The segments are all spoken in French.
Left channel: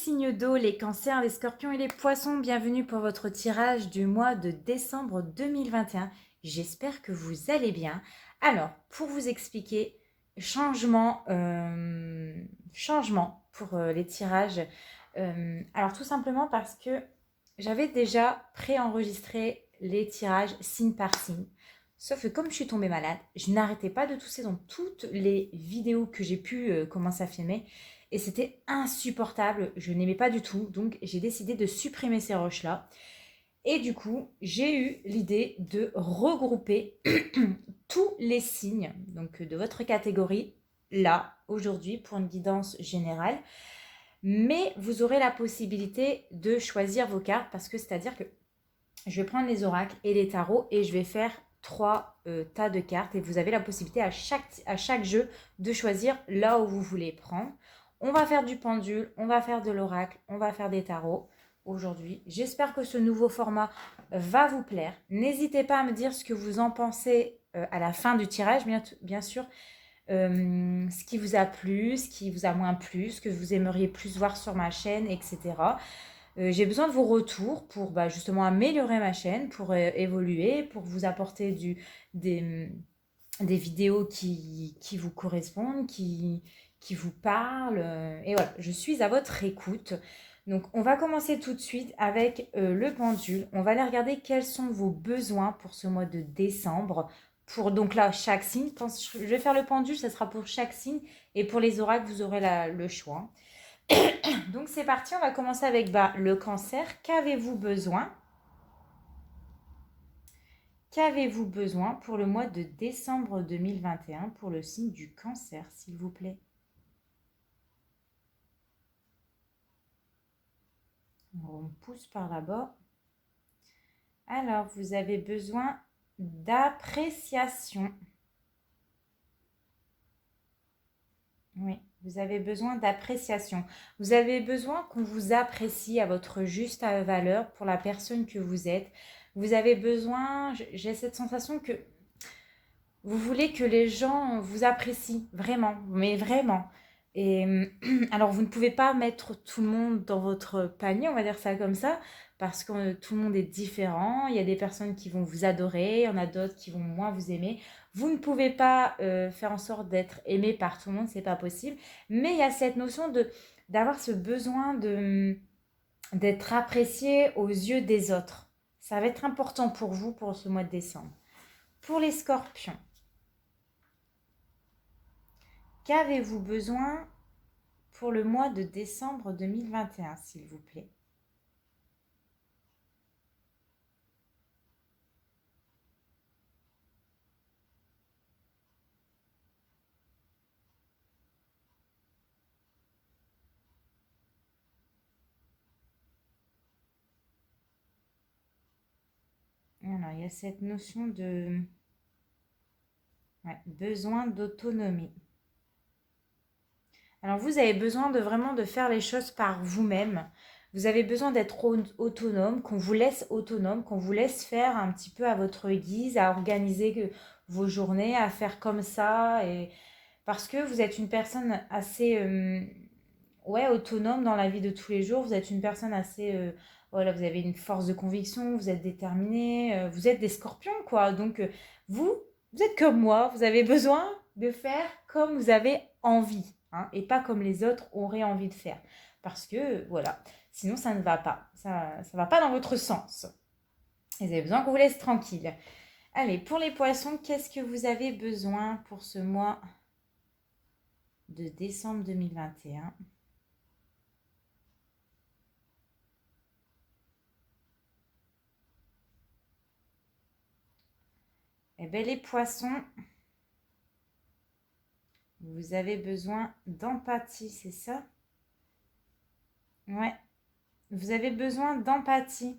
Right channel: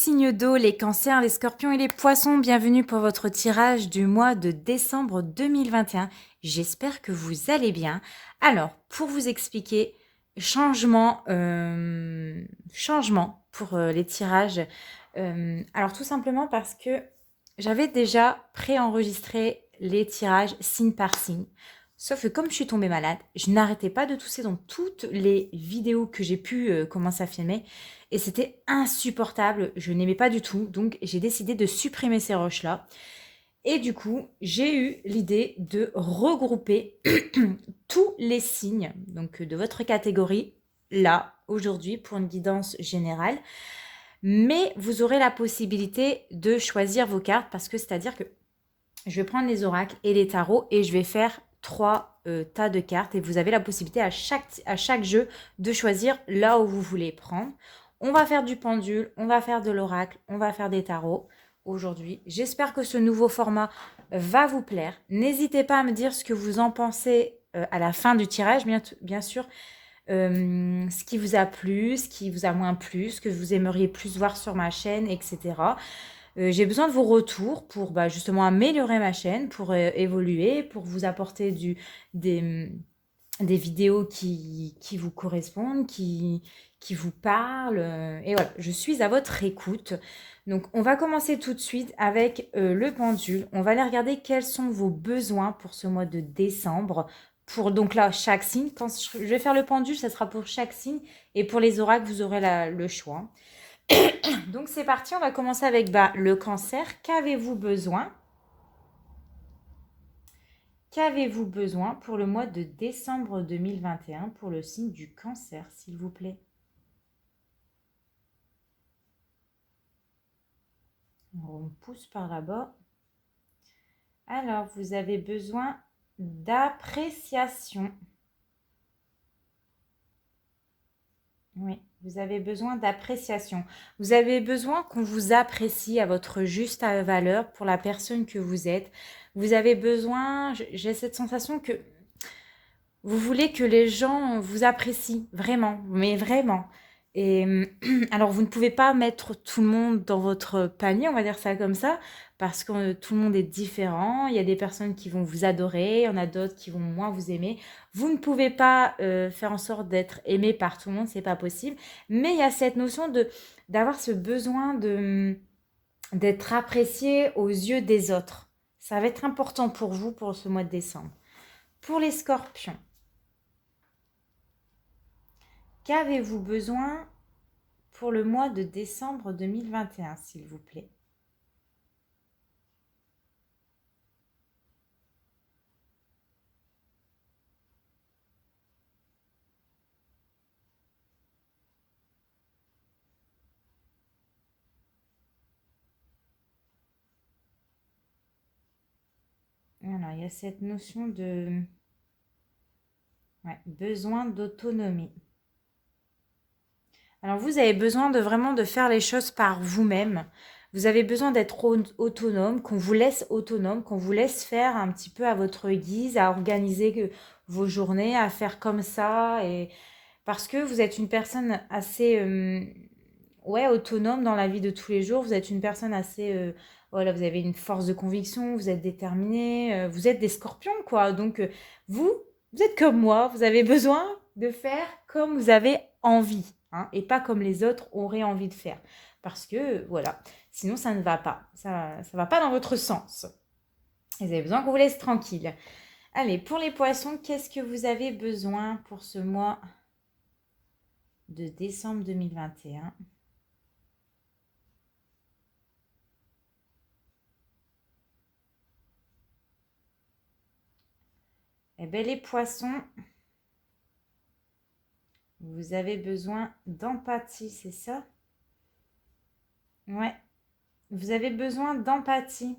signes d'eau, les cancers, les scorpions et les poissons, bienvenue pour votre tirage du mois de décembre 2021. J'espère que vous allez bien. Alors, pour vous expliquer, changement pour les tirages. Alors, tout simplement parce que j'avais déjà préenregistré les tirages signe par signe. Sauf que comme je suis tombée malade, je n'arrêtais pas de tousser dans toutes les vidéos que j'ai pu commencer à filmer. Et c'était insupportable, je n'aimais pas du tout, donc j'ai décidé de supprimer ces rushs-là. Et du coup, j'ai eu l'idée de regrouper tous les signes donc de votre catégorie là, aujourd'hui, pour une guidance générale. Mais vous aurez la possibilité de choisir vos cartes parce que c'est-à-dire que je vais prendre les oracles et les tarots et je vais faire trois tas de cartes et vous avez la possibilité à chaque jeu de choisir là où vous voulez prendre. On va faire du pendule, on va faire de l'oracle, on va faire des tarots aujourd'hui. J'espère que ce nouveau format va vous plaire. N'hésitez pas à me dire ce que vous en pensez à la fin du tirage, bien sûr. Ce qui vous a plu, ce qui vous a moins plu, ce que vous aimeriez plus voir sur ma chaîne, etc. J'ai besoin de vos retours pour justement améliorer ma chaîne, pour évoluer, pour vous apporter des vidéos qui vous correspondent, qui vous parlent. Et voilà, je suis à votre écoute. Donc, on va commencer tout de suite avec le pendule. On va aller regarder quels sont vos besoins pour ce mois de décembre. Pour donc là, chaque signe, quand je vais faire le pendule, ça sera pour chaque signe. Et pour les oracles, vous aurez le choix. Donc c'est parti, on va commencer avec le cancer. Qu'avez-vous besoin? Qu'avez-vous besoin pour le mois de décembre 2021 pour le signe du cancer, s'il vous plaît? On pousse par là-bas. Alors, vous avez besoin d'appréciation. Oui, vous avez besoin d'appréciation. Vous avez besoin qu'on vous apprécie à votre juste valeur pour la personne que vous êtes. Vous avez besoin, j'ai cette sensation que vous voulez que les gens vous apprécient vraiment, mais vraiment. Et alors, vous ne pouvez pas mettre tout le monde dans votre panier, on va dire ça comme ça, parce que tout le monde est différent. Il y a des personnes qui vont vous adorer, il y en a d'autres qui vont moins vous aimer. Vous ne pouvez pas faire en sorte d'être aimé par tout le monde, c'est pas possible. Mais il y a cette notion d'avoir ce besoin d'être apprécié aux yeux des autres. Ça va être important pour vous pour ce mois de décembre. Pour les scorpions. Qu'avez-vous besoin pour le mois de décembre 2021, s'il vous plaît? Alors, il y a cette notion de besoin d'autonomie. Alors, vous avez besoin de vraiment de faire les choses par vous-même. Vous avez besoin d'être autonome, qu'on vous laisse autonome, qu'on vous laisse faire un petit peu à votre guise, à organiser vos journées, à faire comme ça. Et parce que vous êtes une personne assez autonome dans la vie de tous les jours. Vous êtes une personne assez... voilà, vous avez une force de conviction, vous êtes déterminé, vous êtes des scorpions, quoi. Donc, vous, vous êtes comme moi, vous avez besoin de faire comme vous avez envie, hein, et pas comme les autres auraient envie de faire. Parce que, voilà, sinon ça ne va pas. Ça ne va pas dans votre sens. Et vous avez besoin qu'on vous laisse tranquille. Allez, pour les poissons, qu'est-ce que vous avez besoin pour ce mois de décembre 2021? Eh bien, les poissons, vous avez besoin d'empathie, c'est ça? Ouais, vous avez besoin d'empathie.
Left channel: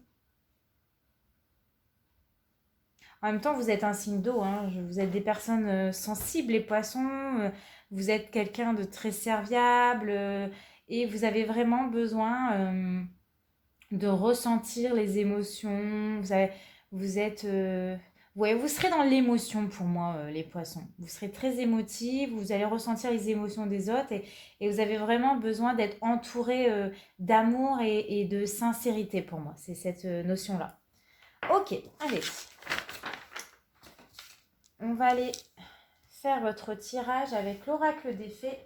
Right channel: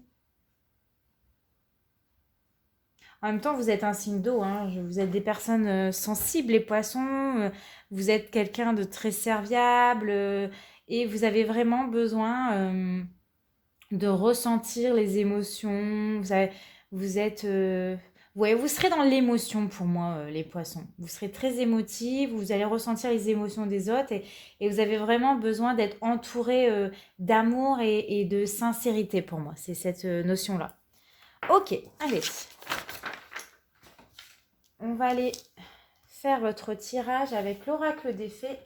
En même temps, vous êtes un signe d'eau, hein. Vous êtes des personnes sensibles, les poissons. Vous êtes quelqu'un de très serviable et vous avez vraiment besoin de ressentir les émotions. Vous êtes, Ouais, vous serez dans l'émotion pour moi, les poissons. Vous serez très émotifs, vous allez ressentir les émotions des autres et vous avez vraiment besoin d'être entouré d'amour et de sincérité pour moi. C'est cette notion-là. Ok, allez, on va aller faire votre tirage avec l'oracle des fées.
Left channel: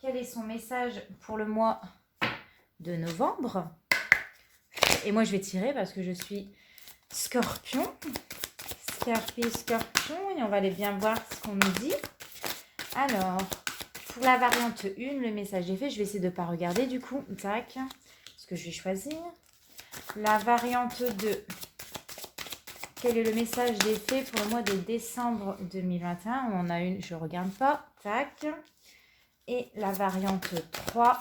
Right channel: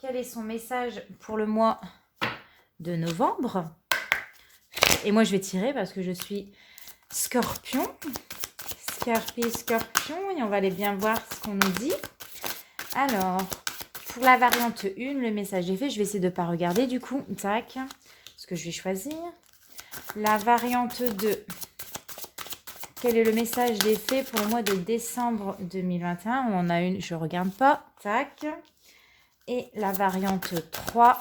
Quel est son message pour le mois de novembre? Et moi, je vais tirer parce que je suis Scorpion. Scorpion, et on va aller bien voir ce qu'on nous dit. Alors, pour la variante 1, le message est fait. Je vais essayer de ne pas regarder du coup. Tac, ce que je vais choisir. La variante 2. Quel est le message des fées pour le mois de décembre 2021? On a une, je ne regarde pas. Tac. Et la variante 3.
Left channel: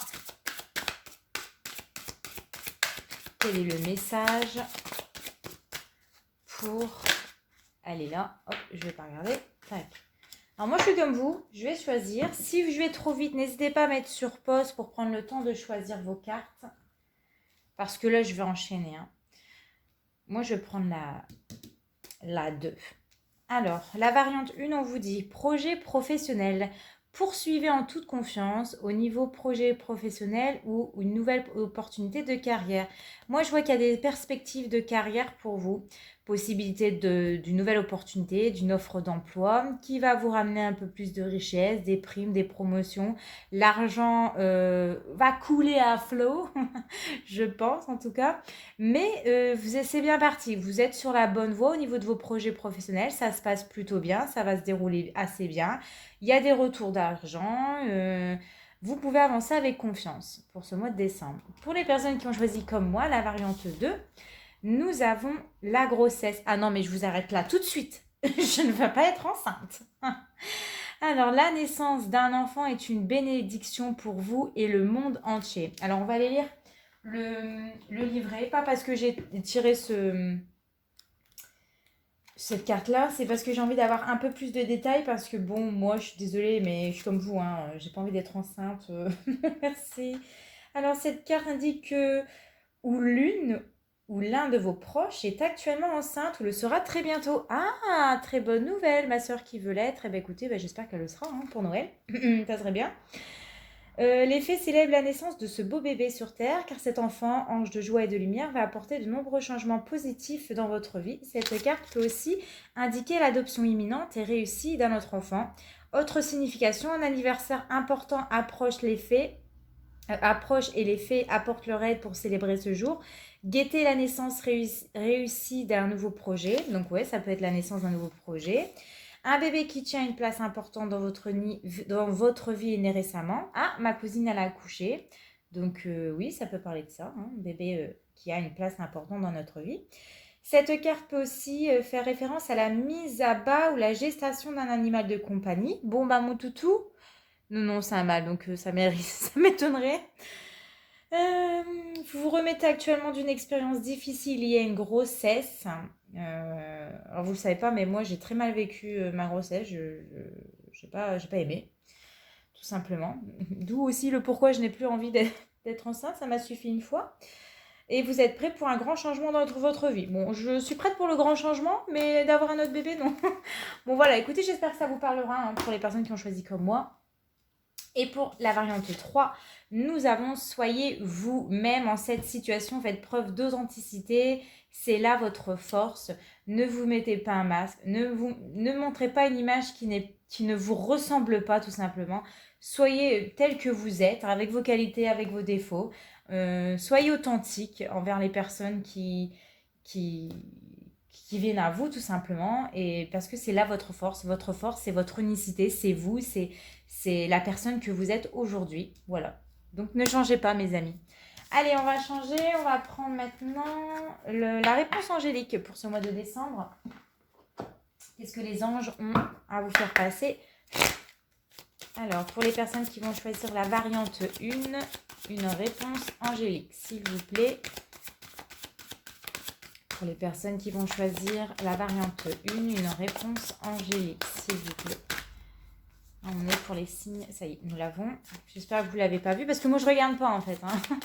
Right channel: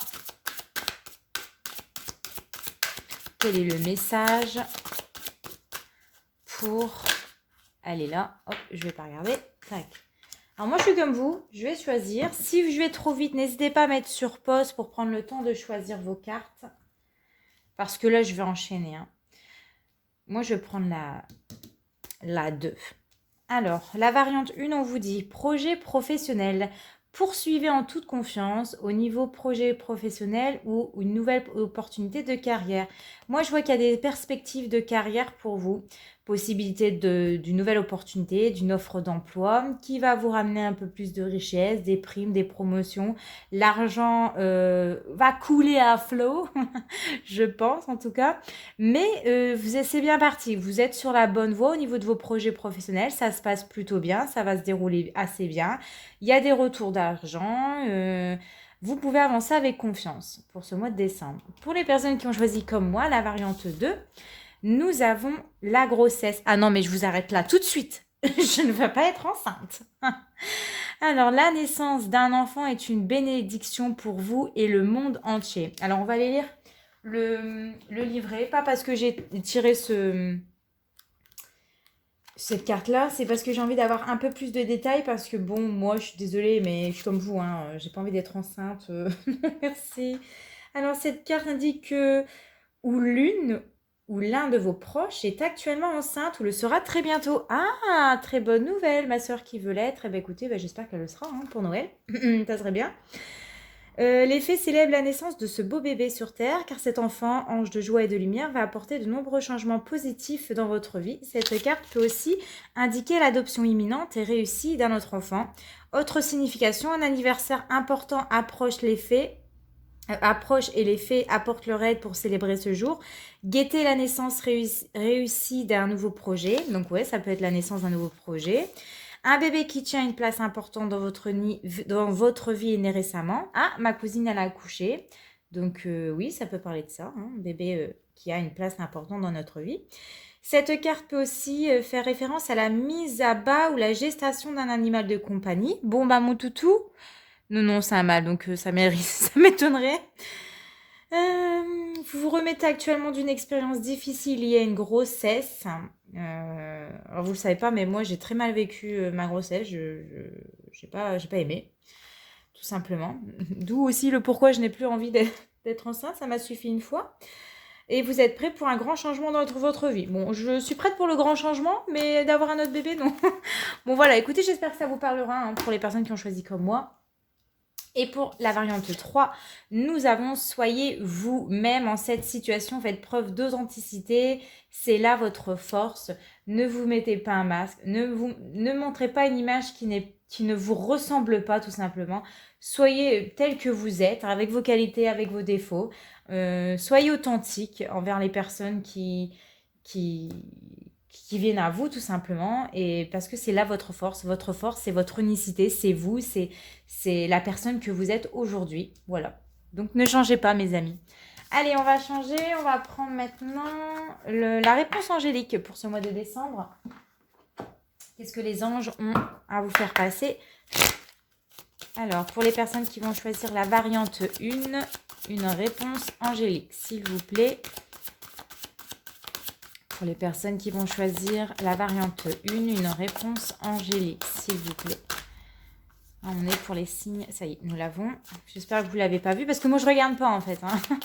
Quel est le message pour... Elle est là. Hop, je ne vais pas regarder. Tac. Alors moi, je suis comme vous. Je vais choisir. Si je vais trop vite, n'hésitez pas à mettre sur pause pour prendre le temps de choisir vos cartes. Parce que là, je vais enchaîner. Hein. Moi, je vais prendre la 2. Alors, la variante 1, on vous dit projet professionnel. Poursuivez en toute confiance au niveau projet professionnel ou une nouvelle opportunité de carrière. Moi, je vois qu'il y a des perspectives de carrière pour vous. Possibilité d'une nouvelle opportunité, d'une offre d'emploi qui va vous ramener un peu plus de richesse, des primes, des promotions. L'argent va couler à flot, je pense en tout cas. Mais c'est bien parti, vous êtes sur la bonne voie au niveau de vos projets professionnels, ça se passe plutôt bien, ça va se dérouler assez bien. Il y a des retours d'argent, vous pouvez avancer avec confiance pour ce mois de décembre. Pour les personnes qui ont choisi comme moi la variante 2, nous avons la grossesse. Ah non, mais je vous arrête là tout de suite. Je ne vais pas être enceinte. Alors, la naissance d'un enfant est une bénédiction pour vous et le monde entier. Alors, on va aller lire le livret. Pas parce que j'ai tiré cette carte-là, c'est parce que j'ai envie d'avoir un peu plus de détails. Parce que, bon, moi, je suis désolée, mais je suis comme vous. Hein, j'ai pas envie d'être enceinte. Merci. Alors, cette carte indique que ou l'une ou l'un de vos proches est actuellement enceinte ou le sera très bientôt. Ah, très bonne nouvelle, ma soeur qui veut l'être. Eh bien, écoutez, j'espère qu'elle le sera hein, pour Noël. Ça serait bien. Les fées célèbrent la naissance de ce beau bébé sur Terre, car cet enfant, ange de joie et de lumière, va apporter de nombreux changements positifs dans votre vie. Cette carte peut aussi indiquer l'adoption imminente et réussie d'un autre enfant. Autre signification, un anniversaire important approche et les fées apportent leur aide pour célébrer ce jour. Guetter la naissance réussie d'un nouveau projet. Donc ouais, ça peut être la naissance d'un nouveau projet. Un bébé qui tient une place importante dans votre vie est né récemment. Ah, ma cousine, elle a accouché. Donc oui, ça peut parler de ça. Hein, un bébé qui a une place importante dans notre vie. Cette carte peut aussi faire référence à la mise à bas ou la gestation d'un animal de compagnie. Bon, bah mon toutou. Non, c'est un mâle, donc ça m'étonnerait. Vous vous remettez actuellement d'une expérience difficile liée à une grossesse. Alors vous ne le savez pas, mais moi j'ai très mal vécu ma grossesse. Je n'ai pas aimé, tout simplement. D'où aussi le pourquoi je n'ai plus envie d'être enceinte. Ça m'a suffi une fois. Et vous êtes prêts pour un grand changement dans votre vie. Bon, je suis prête pour le grand changement, mais d'avoir un autre bébé, non. Bon voilà, écoutez, j'espère que ça vous parlera hein, pour les personnes qui ont choisi comme moi. Et pour la variante 3, nous avons soyez vous-même en cette situation, faites preuve d'authenticité, c'est là votre force. Ne vous mettez pas un masque, ne montrez pas une image qui ne vous ressemble pas tout simplement. Soyez tel que vous êtes, avec vos qualités, avec vos défauts. Soyez authentique envers les personnes qui viennent à vous tout simplement. Et parce que c'est là votre force. Votre force, c'est votre unicité, c'est vous, c'est la personne que vous êtes aujourd'hui. Voilà. Donc ne changez pas mes amis. Allez, on va changer. On va prendre maintenant la réponse angélique pour ce mois de décembre. Qu'est-ce que les anges ont à vous faire passer? Alors, pour les personnes qui vont choisir la variante 1, une réponse angélique, s'il vous plaît. Pour les personnes qui vont choisir la variante 1, une réponse angélique, s'il vous plaît. On est pour les signes. Ça y est, nous l'avons. J'espère que vous ne l'avez pas vu parce que moi, je ne regarde pas en fait. Hein.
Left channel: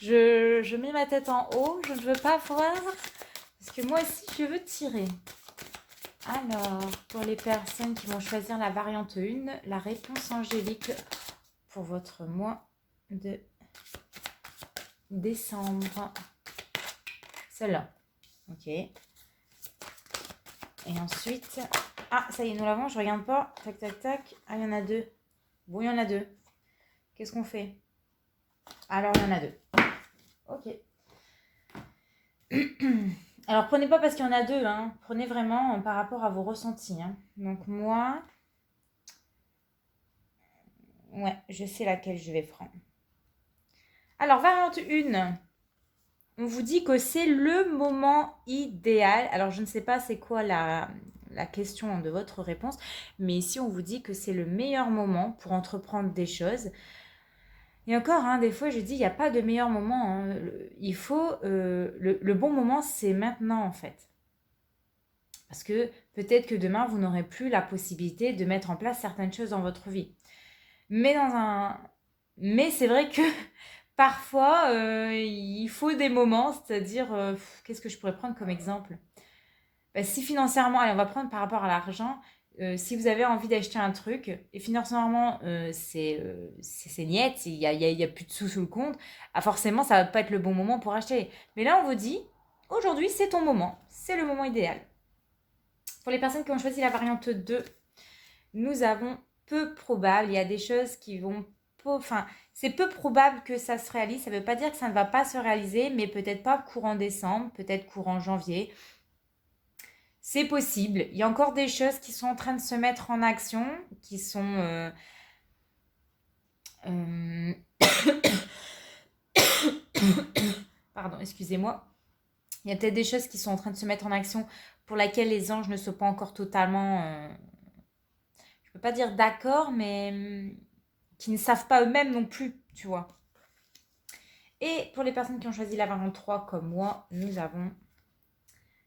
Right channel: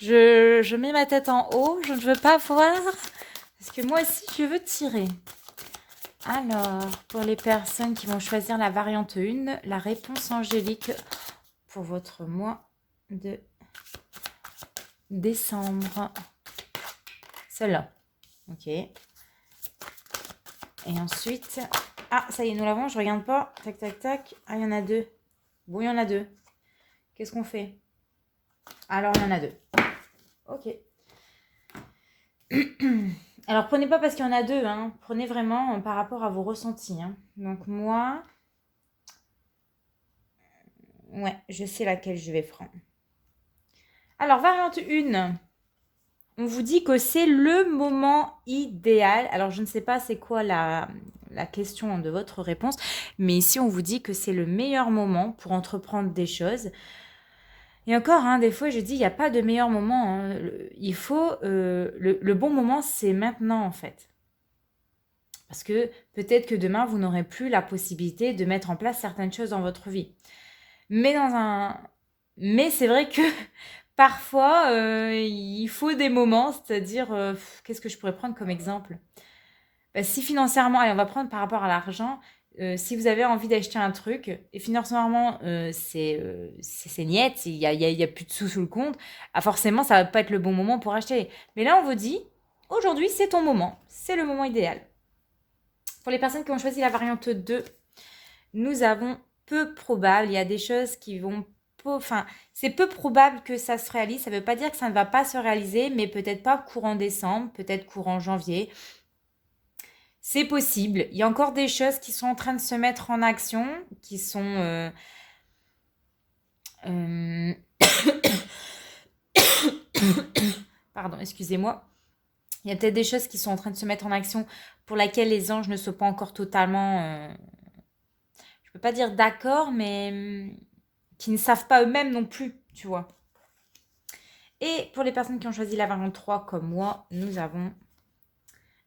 Je mets ma tête en haut. Je ne veux pas voir parce que moi aussi, je veux tirer. Alors, pour les personnes qui vont choisir la variante 1, la réponse angélique pour votre mois de décembre. Celle-là. Ok. Et ensuite... Ah, ça y est, nous l'avons, je regarde pas. Tac, tac, tac. Ah, il y en a deux. Bon, il y en a deux. Qu'est-ce qu'on fait? Alors, il y en a deux. Ok. Alors, prenez pas parce qu'il y en a deux. Hein. Prenez vraiment par rapport à vos ressentis. Hein. Donc, moi... Ouais, je sais laquelle je vais prendre. Alors, variante 1. On vous dit que c'est le moment idéal. Alors, je ne sais pas c'est quoi la question de votre réponse, mais ici, on vous dit que c'est le meilleur moment pour entreprendre des choses. Et encore, hein, des fois, je dis, il n'y a pas de meilleur moment. Hein. Il faut... le bon moment, c'est maintenant, en fait. Parce que peut-être que demain, vous n'aurez plus la possibilité de mettre en place certaines choses dans votre vie. Mais c'est vrai que parfois, il faut des moments, c'est-à-dire, qu'est-ce que je pourrais prendre comme exemple? Si financièrement, allez, on va prendre par rapport à l'argent, si vous avez envie d'acheter un truc et financièrement, c'est niet, il y a plus de sous sous le compte, forcément, ça va pas être le bon moment pour acheter. Mais là, on vous dit, aujourd'hui, c'est ton moment, c'est le moment idéal. Pour les personnes qui ont choisi la variante 2, nous avons peu probable, il y a des choses qui vont... Enfin, c'est peu probable que ça se réalise, ça ne veut pas dire que ça ne va pas se réaliser, mais peut-être pas courant décembre, peut-être courant janvier. C'est possible. Il y a encore des choses qui sont en train de se mettre en action, qui sont... Pardon, excusez-moi. Il y a peut-être des choses qui sont en train de se mettre en action pour lesquelles les anges ne sont pas encore totalement... je ne peux pas dire d'accord, mais qui ne savent pas eux-mêmes non plus, tu vois. Et pour les personnes qui ont choisi la variante 3 comme moi, nous avons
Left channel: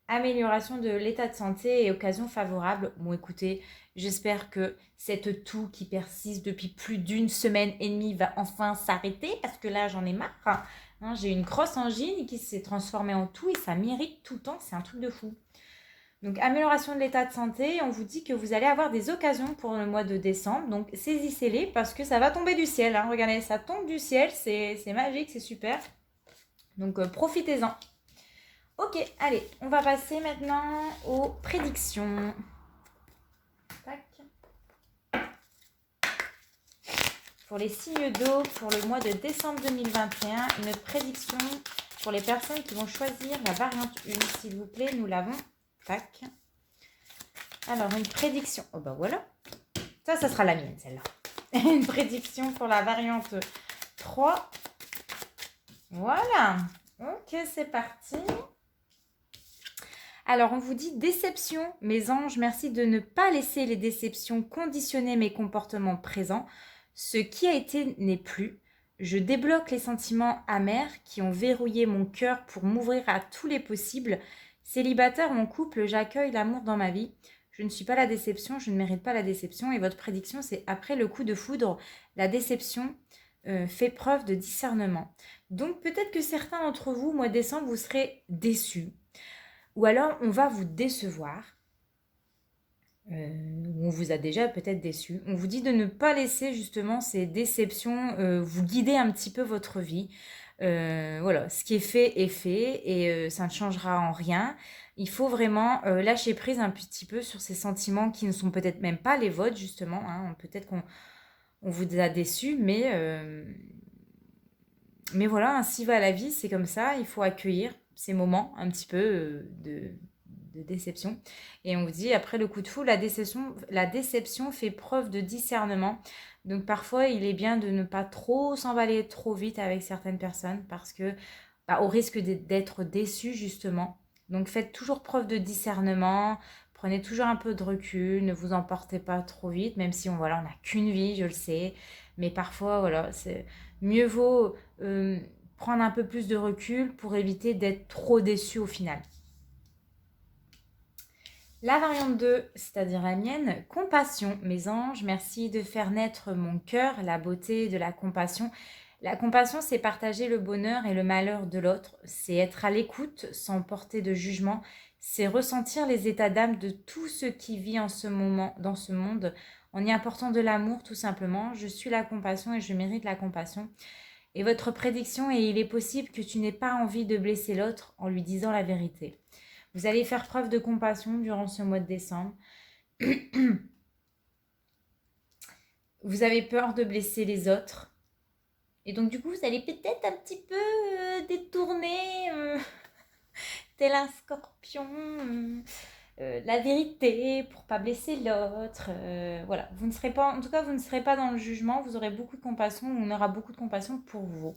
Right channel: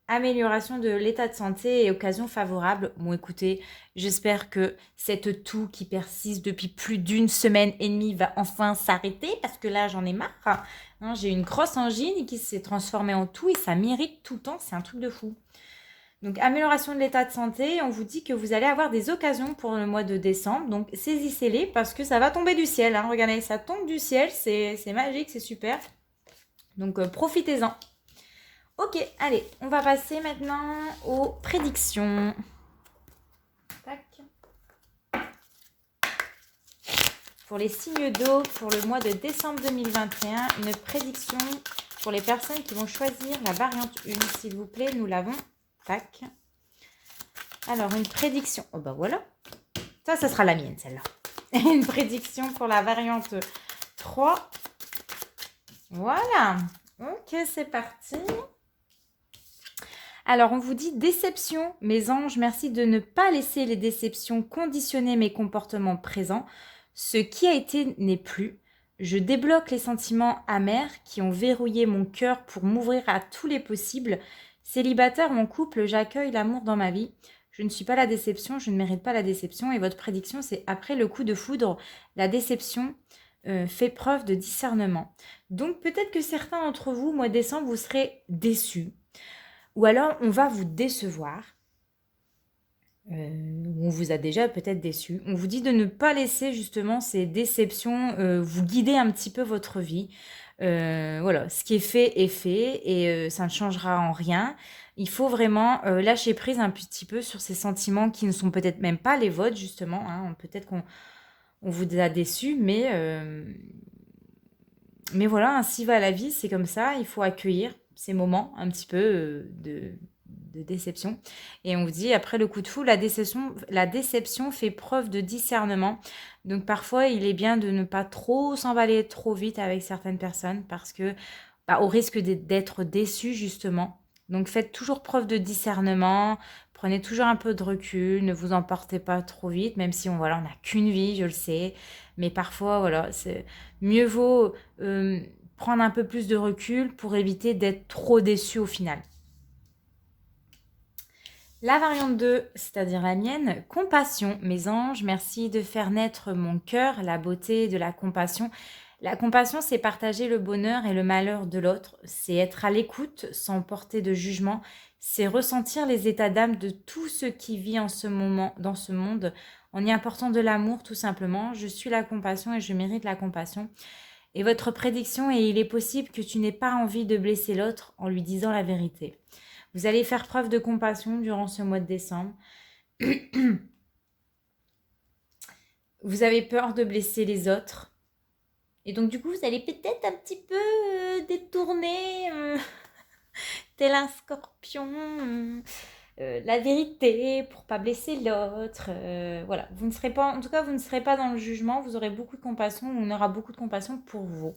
amélioration de l'état de santé et occasion favorable. Bon, écoutez, j'espère que cette toux qui persiste depuis plus d'une semaine et demie va enfin s'arrêter parce que là, j'en ai marre. Hein, j'ai une grosse angine qui s'est transformée en toux et ça m'irrite tout le temps. C'est un truc de fou. Donc, amélioration de l'état de santé. On vous dit que vous allez avoir des occasions pour le mois de décembre. Donc, saisissez-les parce que ça va tomber du ciel. Hein. Regardez, ça tombe du ciel. C'est magique, c'est super. Donc, profitez-en. Ok, allez, on va passer maintenant aux prédictions. Tac. Pour les signes d'eau, pour le mois de décembre 2021, une prédiction pour les personnes qui vont choisir la variante 1. S'il vous plaît, nous l'avons. Tac. Alors, une prédiction. Oh, bah voilà. Ça sera la mienne, celle-là. Une prédiction pour la variante 3. Voilà. Ok, c'est parti. Alors, on vous dit déception. Mes anges, merci de ne pas laisser les déceptions conditionner mes comportements présents. Ce qui a été n'est plus. Je débloque les sentiments amers qui ont verrouillé mon cœur pour m'ouvrir à tous les possibles. Célibataire ou en couple, j'accueille l'amour dans ma vie. Je ne suis pas la déception, je ne mérite pas la déception. Et votre prédiction, c'est après le coup de foudre, la déception fait preuve de discernement. Donc peut-être que certains d'entre vous, mois de décembre, vous serez déçus. Ou alors, on va vous décevoir. On vous a déjà peut-être déçu. On vous dit de ne pas laisser justement ces déceptions vous guider un petit peu votre vie. Voilà, ce qui est fait et ça ne changera en rien. Il faut vraiment lâcher prise un petit peu sur ces sentiments qui ne sont peut-être même pas les vôtres justement. Hein. Peut-être qu'on vous a déçu, mais voilà, ainsi va la vie, c'est comme ça. Il faut accueillir ces moments un petit peu de déception. Et on vous dit, après le coup de fou, la déception fait preuve de discernement. Donc parfois, il est bien de ne pas trop s'emballer trop vite avec certaines personnes parce que, au risque d'être déçu justement. Donc faites toujours preuve de discernement, prenez toujours un peu de recul, ne vous emportez pas trop vite, même si on n'a qu'une vie, je le sais. Mais parfois, voilà, mieux vaut prendre un peu plus de recul pour éviter d'être trop déçu au final. La variante 2, c'est-à-dire la mienne, compassion. Mes anges, merci de faire naître mon cœur, la beauté de la compassion, La compassion, c'est partager le bonheur et le malheur de l'autre, c'est être à l'écoute sans porter de jugement, c'est ressentir les états d'âme de tout ce qui vit en ce moment, dans ce monde, en y apportant de l'amour tout simplement. Je suis la compassion et je mérite la compassion. Et votre prédiction est: il est possible que tu n'aies pas envie de blesser l'autre en lui disant la vérité. Vous allez faire preuve de compassion durant ce mois de décembre. Vous avez peur de blesser les autres. Et donc du coup, vous allez peut-être un petit peu détourner, tel un scorpion, la vérité pour pas blesser l'autre. Voilà, vous ne serez pas, en tout cas, vous ne serez pas dans le jugement. Vous aurez beaucoup de compassion. On aura beaucoup de compassion pour vous.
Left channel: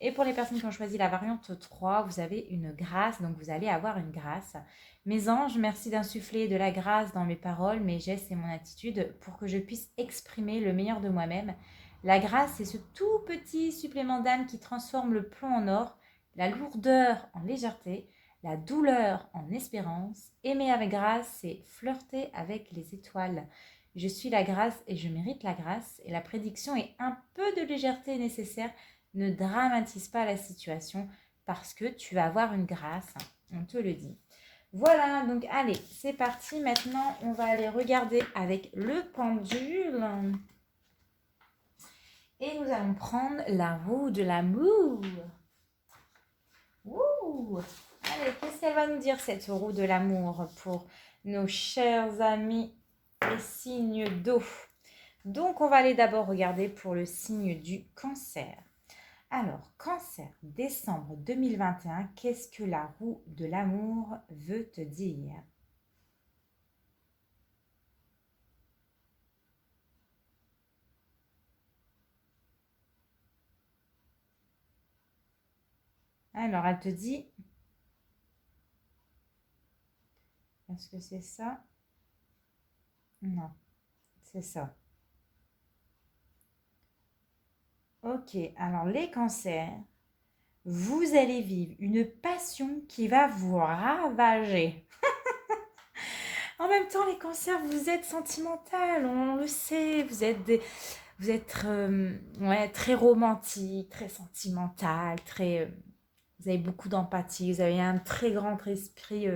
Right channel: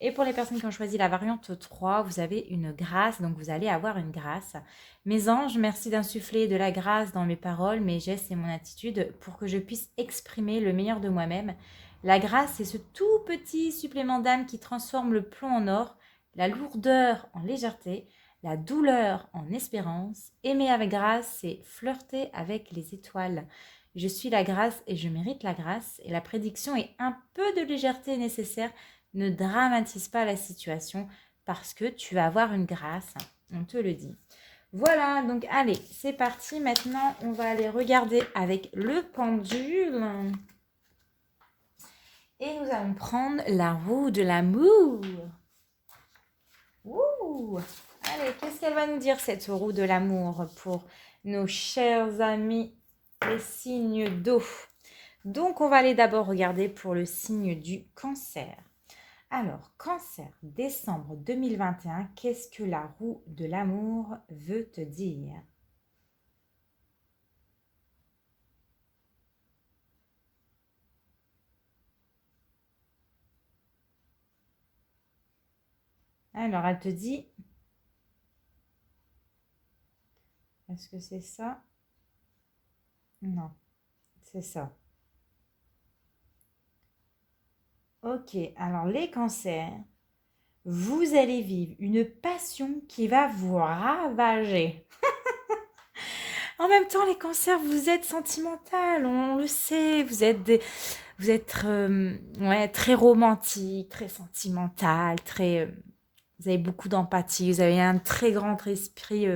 Et pour les personnes qui ont choisi la variante 3, vous avez une grâce, donc vous allez avoir une grâce. Mes anges, merci d'insuffler de la grâce dans mes paroles, mes gestes et mon attitude pour que je puisse exprimer le meilleur de moi-même. La grâce, c'est ce tout petit supplément d'âme qui transforme le plomb en or, la lourdeur en légèreté, la douleur en espérance. Aimer avec grâce, c'est flirter avec les étoiles. Je suis la grâce et je mérite la grâce. Et la prédiction est: un peu de légèreté nécessaire. Ne dramatise pas la situation parce que tu vas avoir une grâce, on te le dit. Voilà, donc allez, c'est parti. Maintenant, on va aller regarder avec le pendule. Et nous allons prendre la roue de l'amour. Ouh! Allez, qu'est-ce qu'elle va nous dire, cette roue de l'amour, pour nos chers amis les signes d'eau? Donc, on va aller d'abord regarder pour le signe du cancer. Alors, cancer, décembre 2021, qu'est-ce que la roue de l'amour veut te dire? Alors, elle te dit, est-ce que c'est ça? Non, c'est ça. Ok, alors les cancers, vous allez vivre une passion qui va vous ravager. En même temps, les cancers, vous êtes sentimental, on le sait, vous êtes ouais, très romantique, très sentimental, vous avez beaucoup d'empathie, vous avez un très grand esprit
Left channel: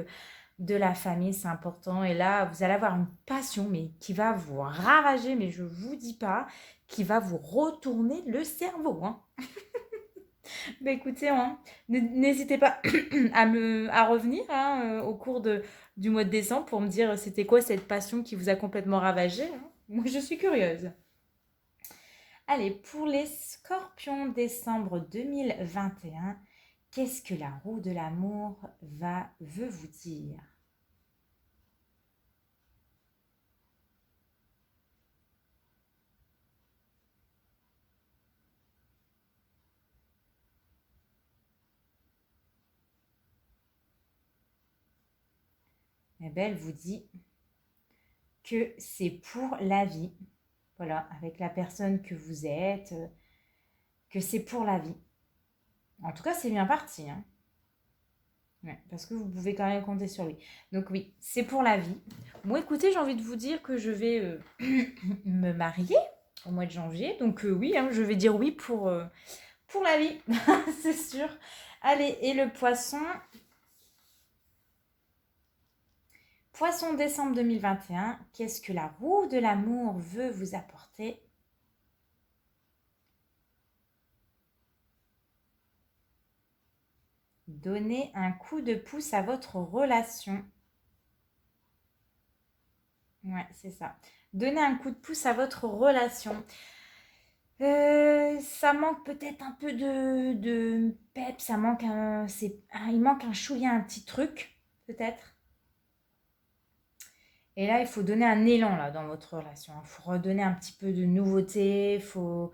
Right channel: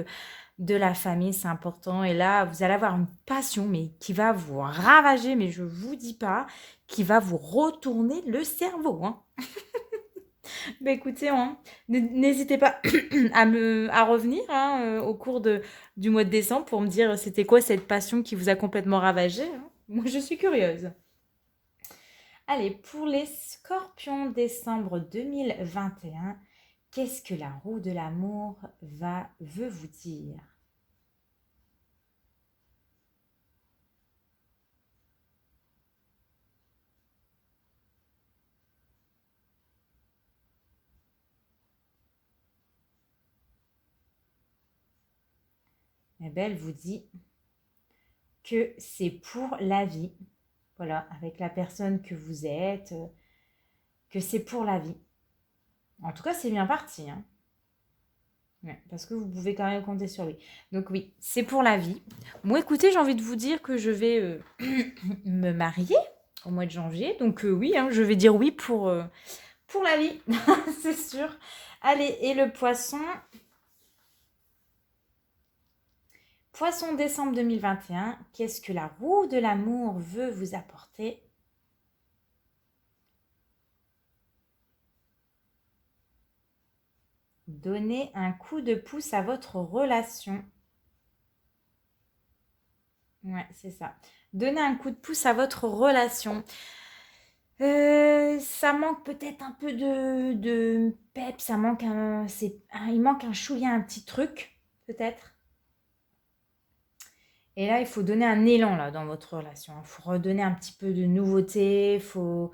de la famille, c'est important. Et là, vous allez avoir une passion, mais qui va vous ravager, mais je vous dis pas, qui va vous retourner le cerveau, hein. Bah écoutez, hein, n'hésitez pas à revenir, hein, au cours du mois de décembre pour me dire c'était quoi cette passion qui vous a complètement ravagé, hein. Moi, je suis curieuse. Allez, pour les scorpions, décembre 2021, qu'est-ce que la roue de l'amour veut vous dire? Eh bien, elle vous dit que c'est pour la vie. Voilà, avec la personne que vous êtes, que c'est pour la vie. En tout cas, c'est bien parti, hein. Ouais, parce que vous pouvez quand même compter sur lui. Donc oui, c'est pour la vie. Moi, écoutez, j'ai envie de vous dire que je vais me marier au mois de janvier. Donc oui, hein, je vais dire oui pour la vie, c'est sûr. Allez, et le poisson. Poisson, décembre 2021, qu'est-ce que la roue de l'amour veut vous apporter? Donnez un coup de pouce à votre relation. Ouais, c'est ça. Donnez un coup de pouce à votre relation. Ça manque peut-être un peu de pep, ça manque il manque un chouïa, un petit truc, peut-être. Et là, il faut donner un élan là, dans votre relation. Il faut redonner un petit peu de nouveauté, faut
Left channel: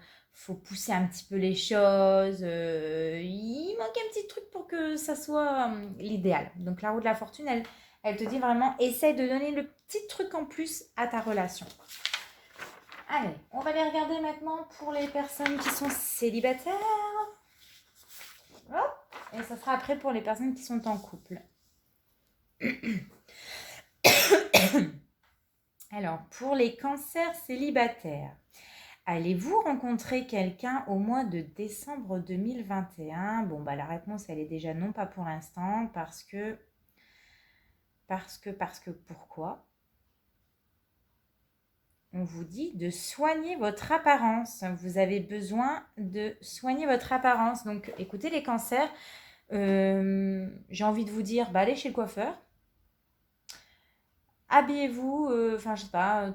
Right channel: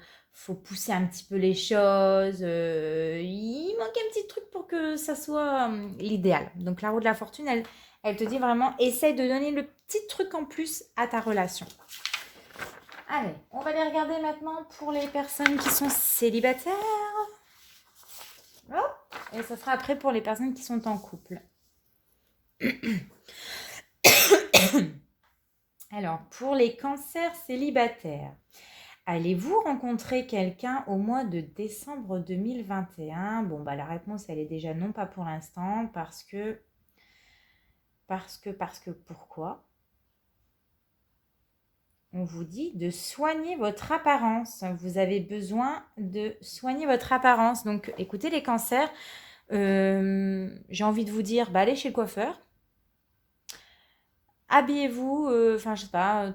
pousser un petit peu les choses. Il manque un petit truc pour que ça soit l'idéal. Donc la roue de la fortune, elle te dit vraiment, essaye de donner le petit truc en plus à ta relation. Allez, on va les regarder maintenant pour les personnes qui sont célibataires. Hop. Et ça sera après pour les personnes qui sont en couple. Alors, pour les cancers célibataires. Allez-vous rencontrer quelqu'un au mois de décembre 2021? Bon, bah la réponse, elle est déjà non, pas pour l'instant, pourquoi? On vous dit de soigner votre apparence. Vous avez besoin de soigner votre apparence. Donc, écoutez les cancers, j'ai envie de vous dire, bah, allez chez le coiffeur, habillez-vous, enfin je sais pas,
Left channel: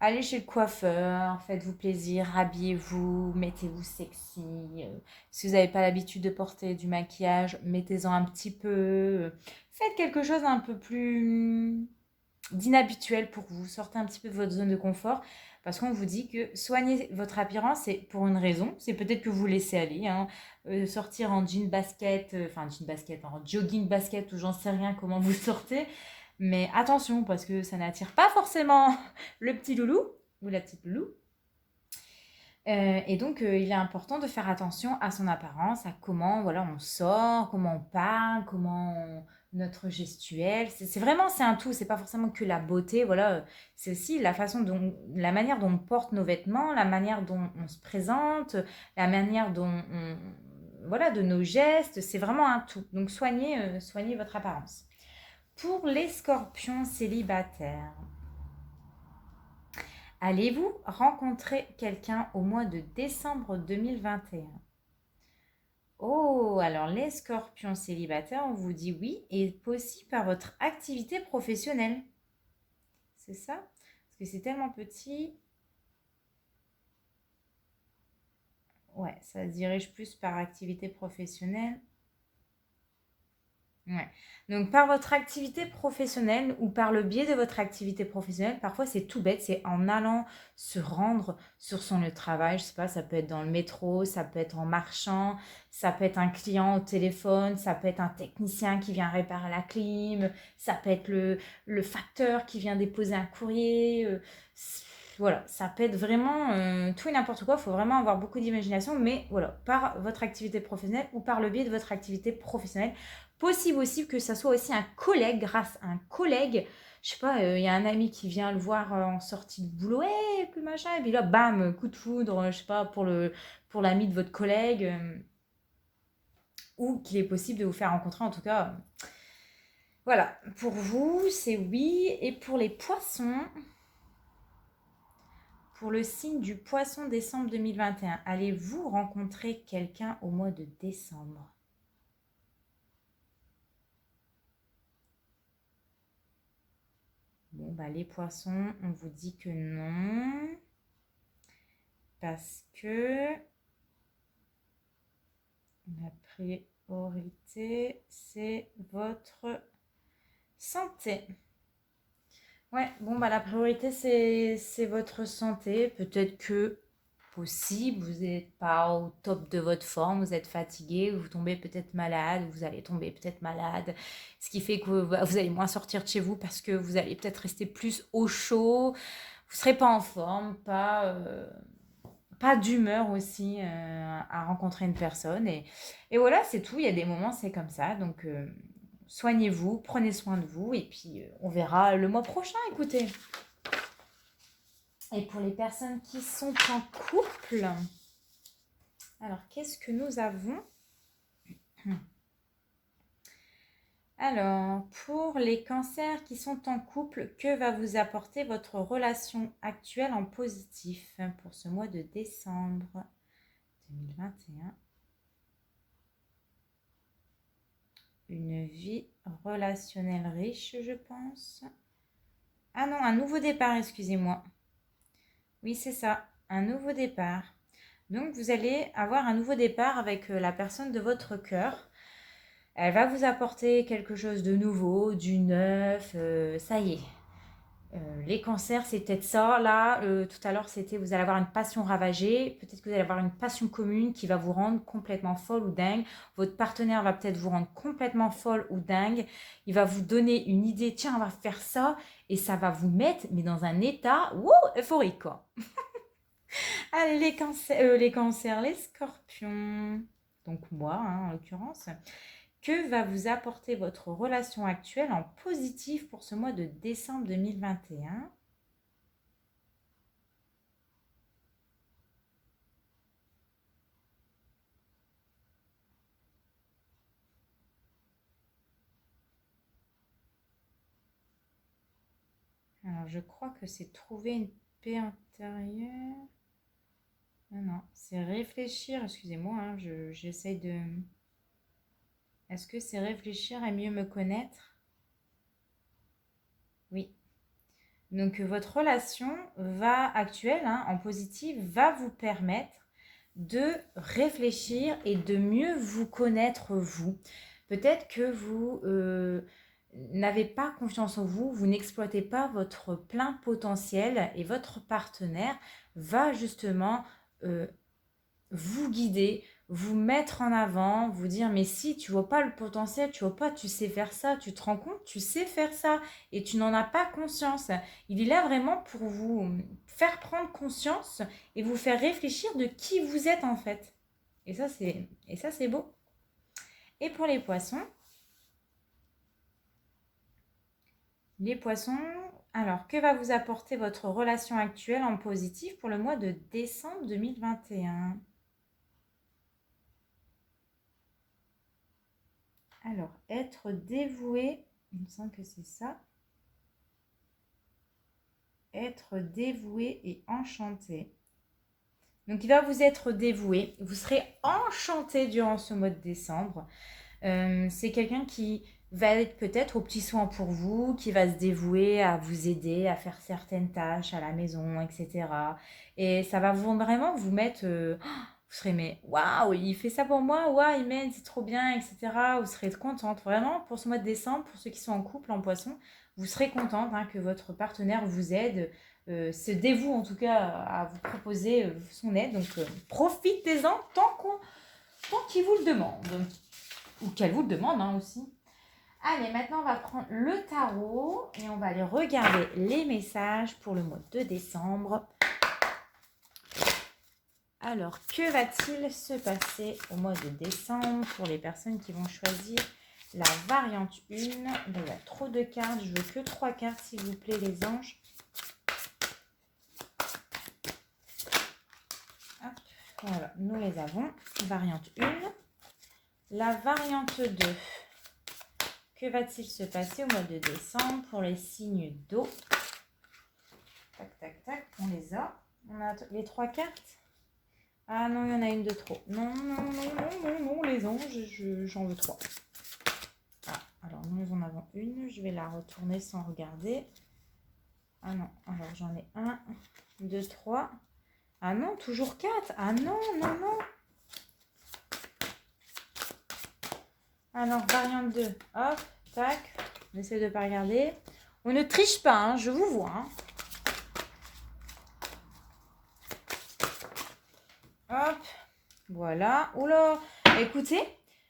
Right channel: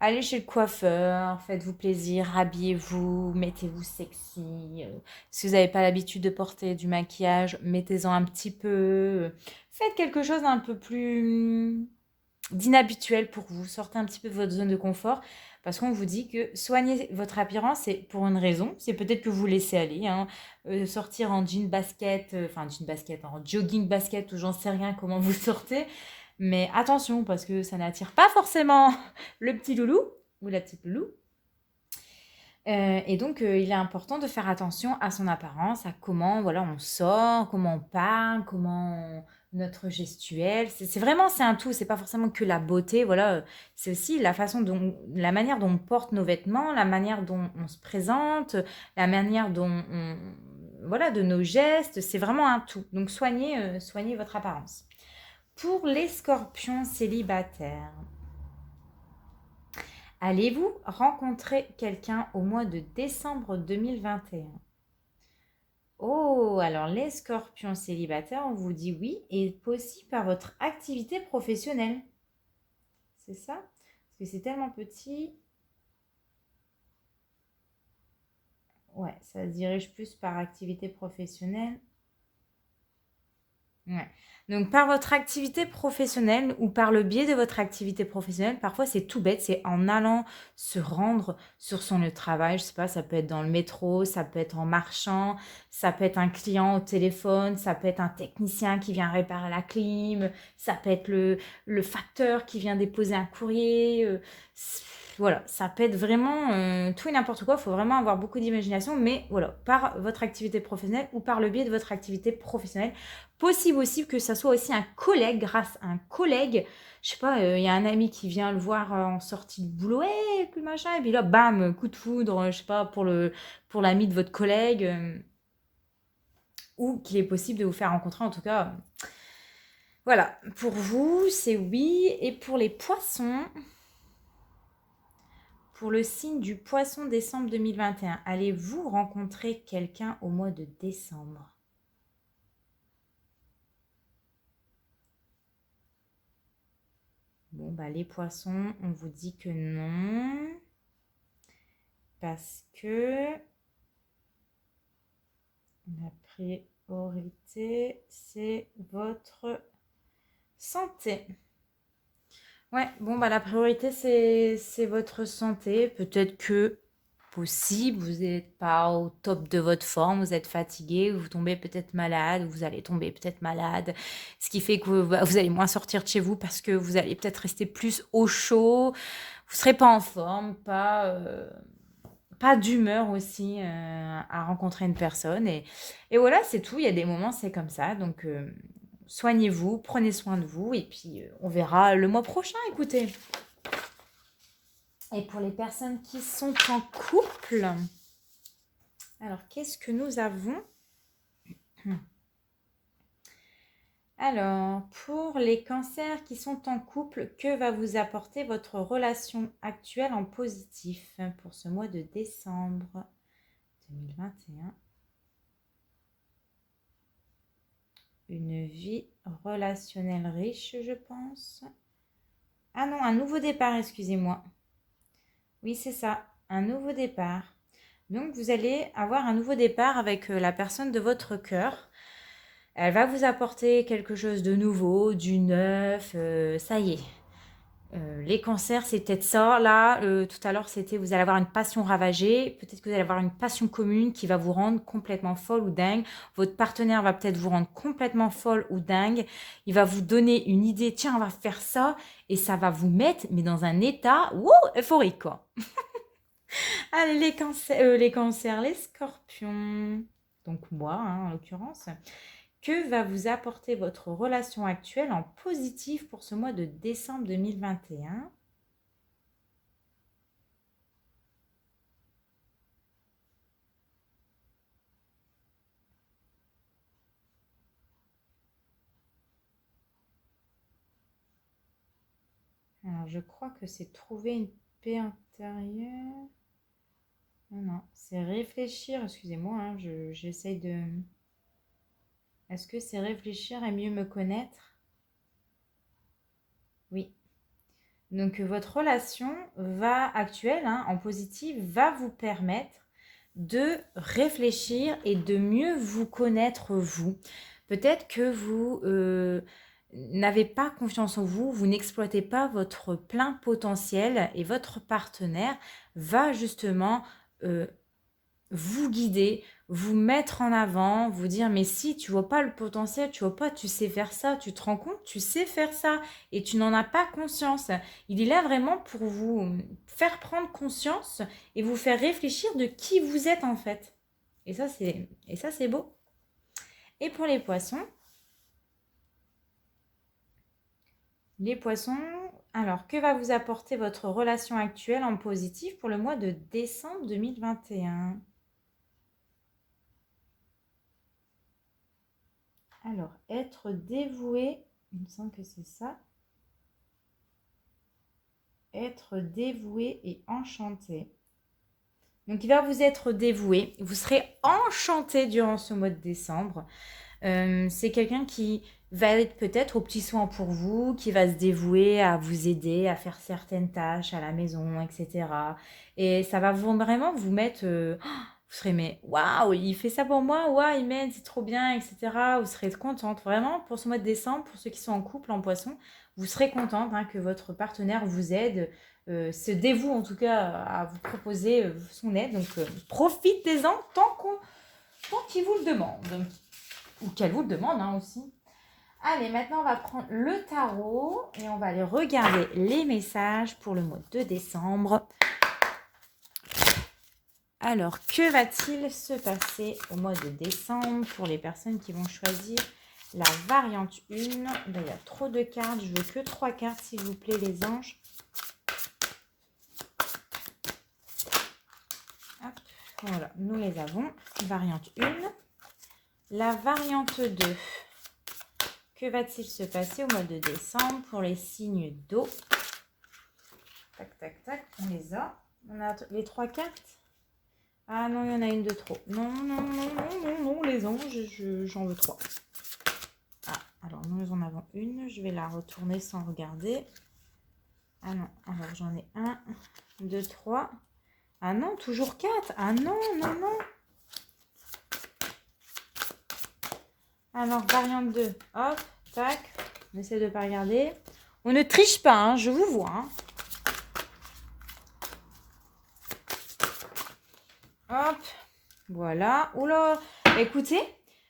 allez chez le coiffeur, faites-vous plaisir, habillez-vous, mettez-vous sexy. Si vous n'avez pas l'habitude de porter du maquillage, mettez-en un petit peu. Faites quelque chose un peu plus d'inhabituel pour vous. Sortez un petit peu de votre zone de confort. Parce qu'on vous dit que soigner votre apparence, c'est pour une raison. C'est peut-être que vous laissez aller. Hein. Sortir en jean basket, jean basket, en jogging basket, ou j'en sais rien comment vous sortez. Mais attention, parce que ça n'attire pas forcément le petit loulou ou la petite loulou. Et donc, il est important de faire attention à son apparence, à comment voilà, on sort, comment on parle, notre gestuelle. C'est vraiment, c'est un tout, c'est pas forcément que la beauté, voilà. C'est aussi la manière dont on porte nos vêtements, la manière dont on se présente, la manière voilà, de nos gestes, c'est vraiment un tout. Donc, soignez votre apparence. Pour les scorpions célibataires, allez-vous rencontrer quelqu'un au mois de décembre 2021? Oh, alors les scorpions célibataires, on vous dit oui, et possible par votre activité professionnelle. C'est ça? Parce que c'est tellement petit. Ouais, ça se dirige plus par activité professionnelle. Ouais. Donc, par votre activité professionnelle ou par le biais de votre activité professionnelle, parfois c'est tout bête, c'est en allant se rendre sur son lieu de travail. Je sais pas, ça peut être dans le métro, ça peut être en marchant, ça peut être un client au téléphone, ça peut être un technicien qui vient réparer la clim, ça peut être le facteur qui vient déposer un courrier. Voilà, ça peut être vraiment tout et n'importe quoi. Il faut vraiment avoir beaucoup d'imagination, mais voilà, par votre activité professionnelle ou par le biais de votre activité professionnelle. Possible aussi que ça soit aussi un collègue, grâce à un collègue. Je sais pas, il y a un ami qui vient le voir en sortie de boulot, et puis machin, et puis là, bam, coup de foudre, je sais pas, pour l'ami de votre collègue, ou qu'il est possible de vous faire rencontrer, en tout cas. Voilà, pour vous, c'est oui. Et pour les poissons, pour le signe du poisson décembre 2021, allez-vous rencontrer quelqu'un au mois de décembre? Bon, bah, les poissons, on vous dit que non. Parce que la priorité, c'est votre santé. Ouais, bon, bah, la priorité, c'est votre santé. Peut-être que possible, vous n'êtes pas au top de votre forme, vous êtes fatigué, vous tombez peut-être malade, vous allez tomber peut-être malade, ce qui fait que vous allez moins sortir de chez vous parce que vous allez peut-être rester plus au chaud, vous ne serez pas en forme, pas d'humeur aussi à rencontrer une personne. Et voilà, c'est tout. Il y a des moments, c'est comme ça. Donc, soignez-vous, prenez soin de vous. Et puis, on verra le mois prochain, écoutez. Et pour les personnes qui sont en couple, alors, qu'est-ce que nous avons? Alors, pour les cancers qui sont en couple, que va vous apporter votre relation actuelle en positif pour ce mois de décembre 2021? Une vie relationnelle riche, je pense. Ah non, un nouveau départ, excusez-moi. Oui, c'est ça, un nouveau départ. Donc, vous allez avoir un nouveau départ avec la personne de votre cœur. Elle va vous apporter quelque chose de nouveau, du neuf, ça y est. Les cancers, c'est peut-être ça. Là, tout à l'heure, c'était vous allez avoir une passion ravagée. Peut-être que vous allez avoir une passion commune qui va vous rendre complètement folle ou dingue. Votre partenaire va peut-être vous rendre complètement folle ou dingue. Il va vous donner une idée. Tiens, on va faire ça. Et ça va vous mettre, mais dans un état euphorique, quoi. Allez, les scorpions. Donc moi, hein, en l'occurrence. Que va vous apporter votre relation actuelle en positif pour ce mois de décembre 2021? Alors, je crois que c'est trouver une paix intérieure. Non, non, c'est réfléchir. Excusez-moi, hein, j'essaye de... Est-ce que c'est réfléchir à mieux me connaître? Oui. Donc, votre relation actuelle, hein, en positif, va vous permettre de réfléchir et de mieux vous connaître vous. Peut-être que vous n'avez pas confiance en vous, vous n'exploitez pas votre plein potentiel et votre partenaire va justement euh, vous guider, vous mettre en avant, vous dire mais si tu vois pas le potentiel, tu vois pas, tu sais faire ça, tu te rends compte, tu sais faire ça et tu n'en as pas conscience. Il est là vraiment pour vous faire prendre conscience et vous faire réfléchir de qui vous êtes en fait. Et ça c'est beau. Et pour les poissons, alors que va vous apporter votre relation actuelle en positif pour le mois de décembre 2021? Alors, être dévoué, il me semble que c'est ça. Être dévoué et enchanté. Donc, il va vous être dévoué. Vous serez enchanté durant ce mois de décembre. C'est quelqu'un qui va être peut-être aux petits soins pour vous, qui va se dévouer à vous aider à faire certaines tâches à la maison, etc. Et ça va vraiment vous mettre... vous serez, mais waouh, il fait ça pour moi, waouh, il m'aide, c'est trop bien, etc. Vous serez contente. Vraiment, pour ce mois de décembre, pour ceux qui sont en couple, en poisson, vous serez contente hein, que votre partenaire vous aide, se dévoue en tout cas à vous proposer son aide. Donc, profitez-en tant qu'il vous le demande. Ou qu'elle vous le demande hein, aussi. Allez, maintenant on va prendre le tarot et on va aller regarder les messages pour le mois de décembre. Alors, que va-t-il se passer au mois de décembre pour les personnes qui vont choisir la variante 1? Ben, il y a trop de cartes, je veux que 3 cartes s'il vous plaît les anges. Hop, voilà, nous les avons. Variante 1. La variante 2. Que va-t-il se passer au mois de décembre pour les signes d'eau? Tac, tac, tac, on les a. On a les 3 cartes. Ah non, il y en a une de trop. Non, non, non, non, non, non, les anges, j'en veux 3. Ah, alors nous en avons une. Je vais la retourner sans regarder. Ah non, alors j'en ai 1, 2, 3. Ah non, toujours 4. Ah non, non, non. Alors, variante 2. Hop, tac. On essaie de ne pas regarder. On ne triche pas, hein, je vous vois. Hein. Hop, voilà. Oula, écoutez,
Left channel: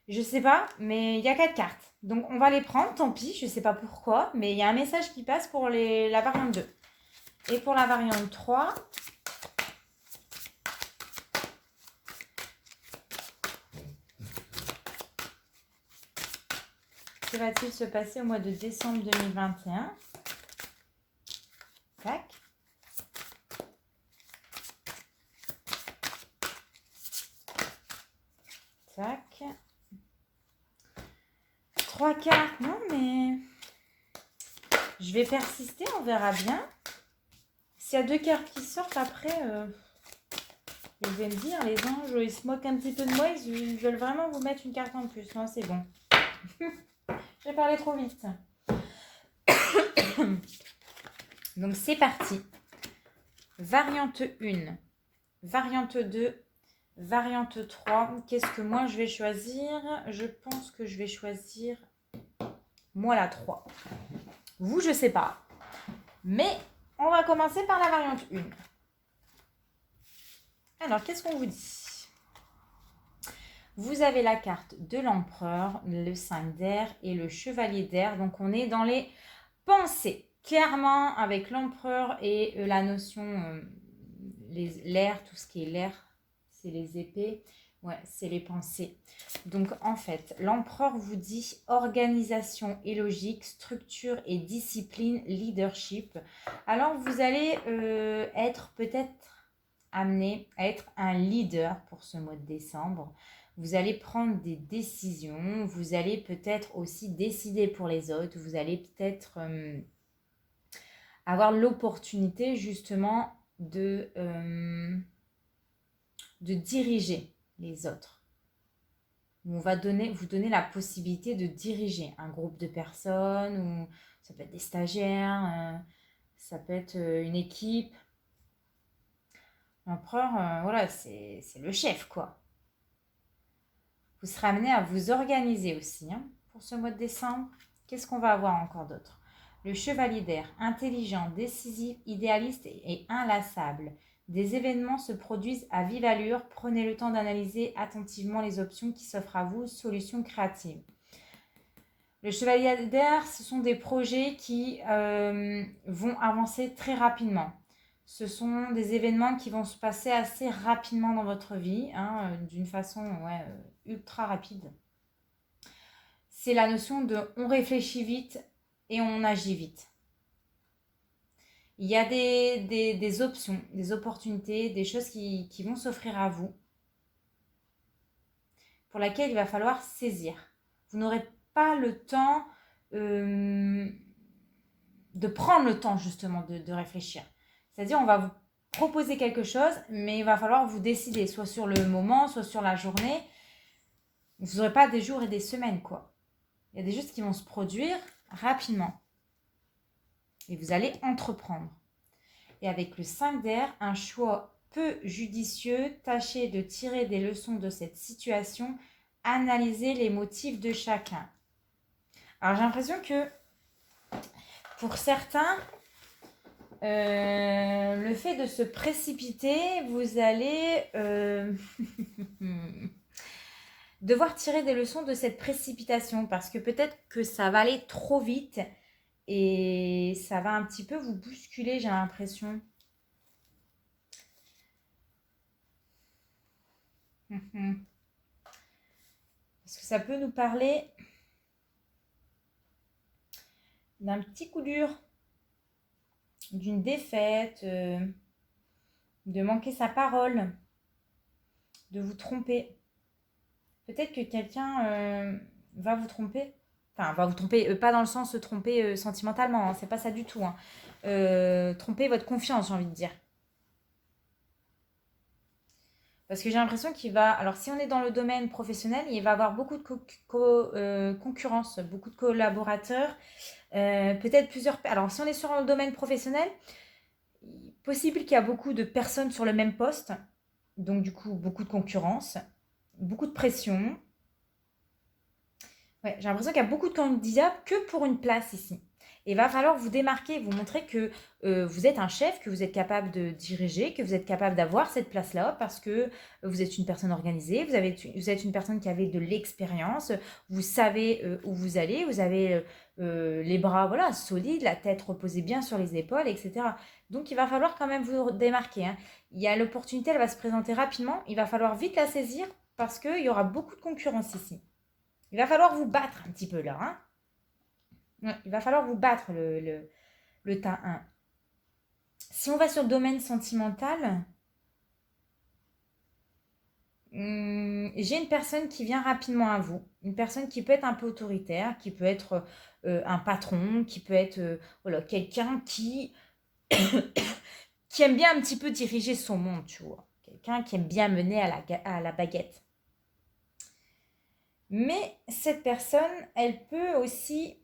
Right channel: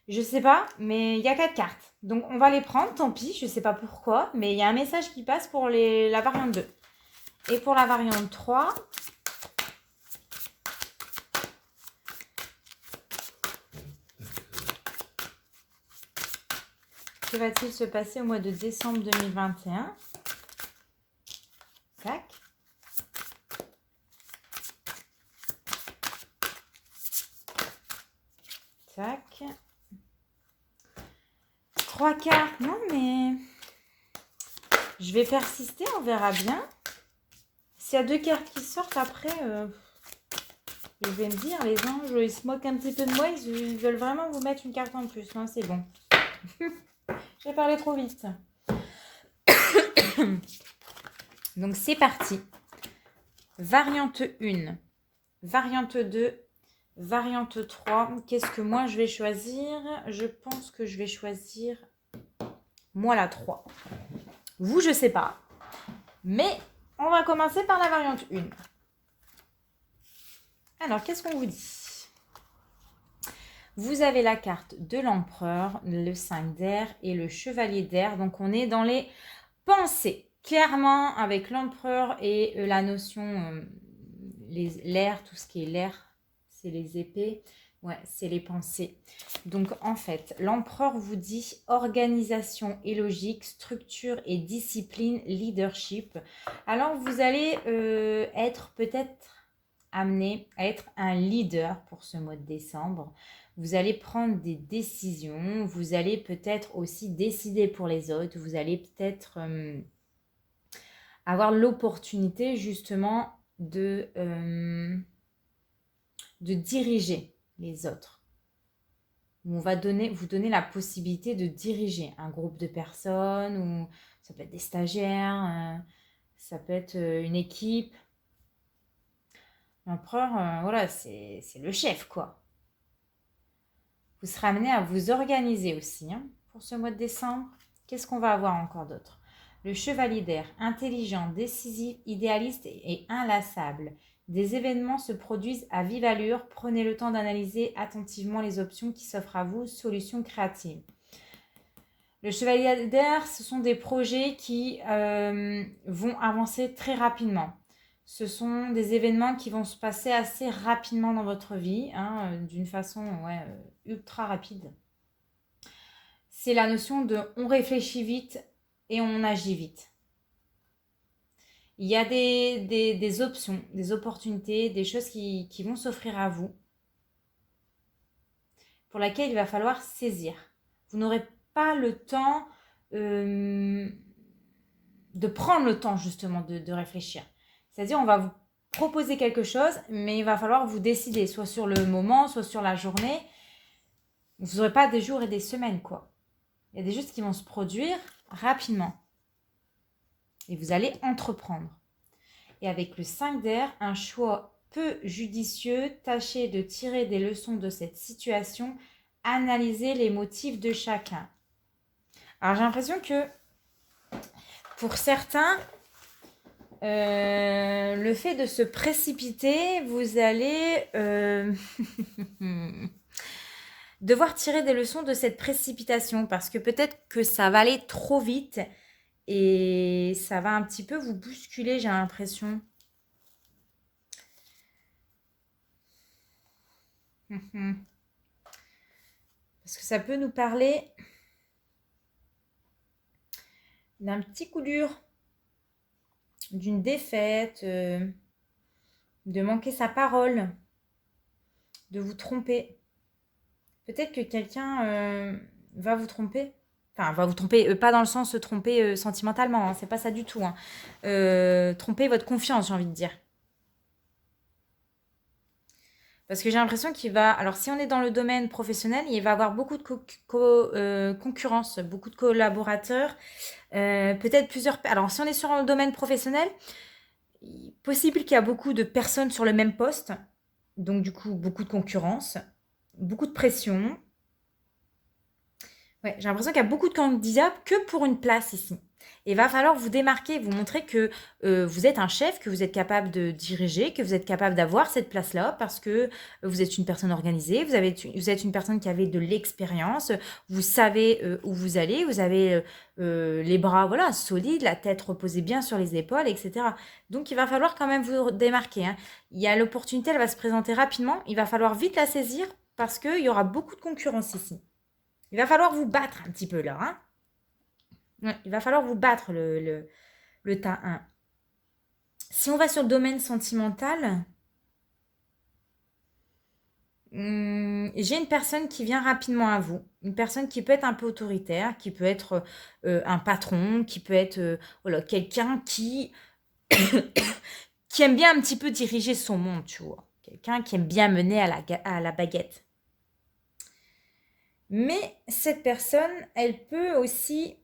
je sais pas, mais il y a 4 cartes. Donc, on va les prendre, tant pis, je sais pas pourquoi. Mais il y a un message qui passe pour la variante 2. Et pour la variante 3... Que va-t-il se passer au mois de décembre 2021? Tac. Tac. 3 cartes. Non, mais... Je vais persister, on verra bien. S'il y a 2 cartes qui sortent après... Je vais me dire, les anges, ils se moquent un petit peu de moi. Ils veulent vraiment vous mettre une carte en plus. Non, c'est bon. J'ai parlé trop vite. Donc, c'est parti. Variante 1. Variante 2. Variante 3. Qu'est-ce que moi, je vais choisir? Je pense que je vais choisir, moi, la 3. Vous, je sais pas. Mais on va commencer par la variante 1. Alors, qu'est-ce qu'on vous dit? Vous avez la carte de l'empereur, le 5 d'air et le chevalier d'air. Donc, on est dans les pensées. Clairement, avec l'empereur et la notion, l'air, tout ce qui est l'air, c'est les épées. Ouais, c'est les pensées. Donc, en fait, l'empereur vous dit organisation et logique, structure et discipline, leadership. Alors, vous allez être peut-être amené à être un leader pour ce mois de décembre. Vous allez prendre des décisions. Vous allez peut-être aussi décider pour les autres. Vous allez peut-être avoir l'opportunité justement de diriger les autres. On va vous donner la possibilité de diriger un groupe de personnes, ou ça peut être des stagiaires, ça peut être une équipe. L'empereur, voilà, c'est le chef, quoi. Vous serez amené à vous organiser aussi hein, pour ce mois de décembre. Qu'est-ce qu'on va avoir encore d'autre? Le chevalier d'air, intelligent, décisif, idéaliste et inlassable. Des événements se produisent à vive allure. Prenez le temps d'analyser attentivement les options qui s'offrent à vous. Solutions créatives. Le chevalier d'air, ce sont des projets qui vont avancer très rapidement. Ce sont des événements qui vont se passer assez rapidement dans votre vie, hein, d'une façon ultra rapide. C'est la notion de on réfléchit vite et on agit vite. Il y a des options, des opportunités, des choses qui vont s'offrir à vous, pour lesquelles il va falloir saisir. Vous n'aurez pas le temps de prendre le temps justement de réfléchir. C'est-à-dire, on va vous proposer quelque chose, mais il va falloir vous décider, soit sur le moment, soit sur la journée. Vous n'aurez pas des jours et des semaines, quoi. Il y a des choses qui vont se produire rapidement. Et vous allez entreprendre. Et avec le 5 d'air, un choix peu judicieux, tâchez de tirer des leçons de cette situation, analysez les motifs de chacun. Alors j'ai l'impression que pour certains, le fait de se précipiter, vous allez devoir tirer des leçons de cette précipitation parce que peut-être que ça va aller trop vite et ça va un petit peu vous bousculer, j'ai l'impression. Parce que ça peut nous parler d'un petit coup dur, d'une défaite, de manquer sa parole, de vous tromper. Peut-être que quelqu'un va vous tromper. Enfin, va vous tromper, pas dans le sens se tromper sentimentalement, hein, c'est pas ça du tout. Hein. Tromper votre confiance, j'ai envie de dire. Parce que j'ai l'impression qu'il va... Alors, si on est dans le domaine professionnel, il va y avoir beaucoup de concurrence, beaucoup de collaborateurs, peut-être plusieurs... Alors, si on est sur le domaine professionnel, possible qu'il y a beaucoup de personnes sur le même poste. Donc, du coup, beaucoup de concurrence, beaucoup de pression. Ouais, j'ai l'impression qu'il y a beaucoup de candidats que pour une place ici. Et il va falloir vous démarquer, vous montrer que vous êtes un chef, que vous êtes capable de diriger, que vous êtes capable d'avoir cette place-là parce que vous êtes une personne organisée, vous êtes une personne qui avait de l'expérience, vous savez où vous allez, vous avez les bras voilà, solides, la tête reposée bien sur les épaules, etc. Donc il va falloir quand même vous démarquer. Hein. Il y a l'opportunité, elle va se présenter rapidement, il va falloir vite la saisir parce qu'il y aura beaucoup de concurrence ici. Il va falloir vous battre un petit peu là. Hein. Ouais, il va falloir vous battre le tas 1. Si on va sur le domaine sentimental, j'ai une personne qui vient rapidement à vous. Une personne qui peut être un peu autoritaire, qui peut être un patron, qui peut être voilà, quelqu'un qui aime bien un petit peu diriger son monde, tu vois. Quelqu'un qui aime bien mener à la baguette. Mais cette personne, elle peut aussi...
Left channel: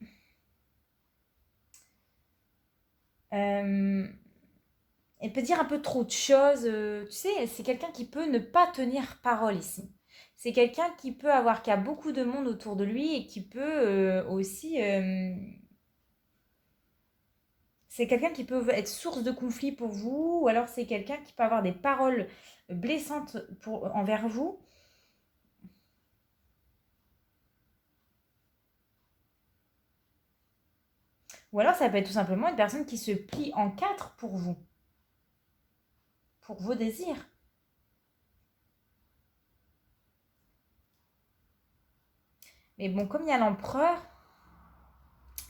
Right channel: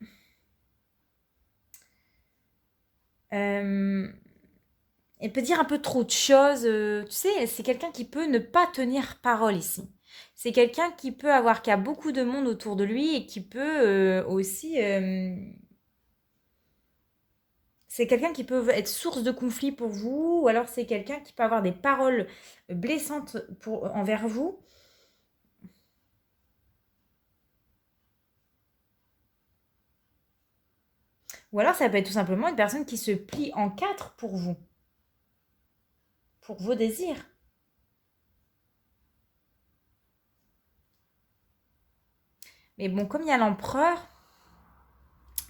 elle peut dire un peu trop de choses. Tu sais, c'est quelqu'un qui peut ne pas tenir parole ici. C'est quelqu'un qui a beaucoup de monde autour de lui et qui peut aussi... c'est quelqu'un qui peut être source de conflit pour vous, ou alors c'est quelqu'un qui peut avoir des paroles blessantes envers vous. Ou alors ça peut être tout simplement une personne qui se plie en 4 pour vous, pour vos désirs. Mais bon, comme il y a l'empereur,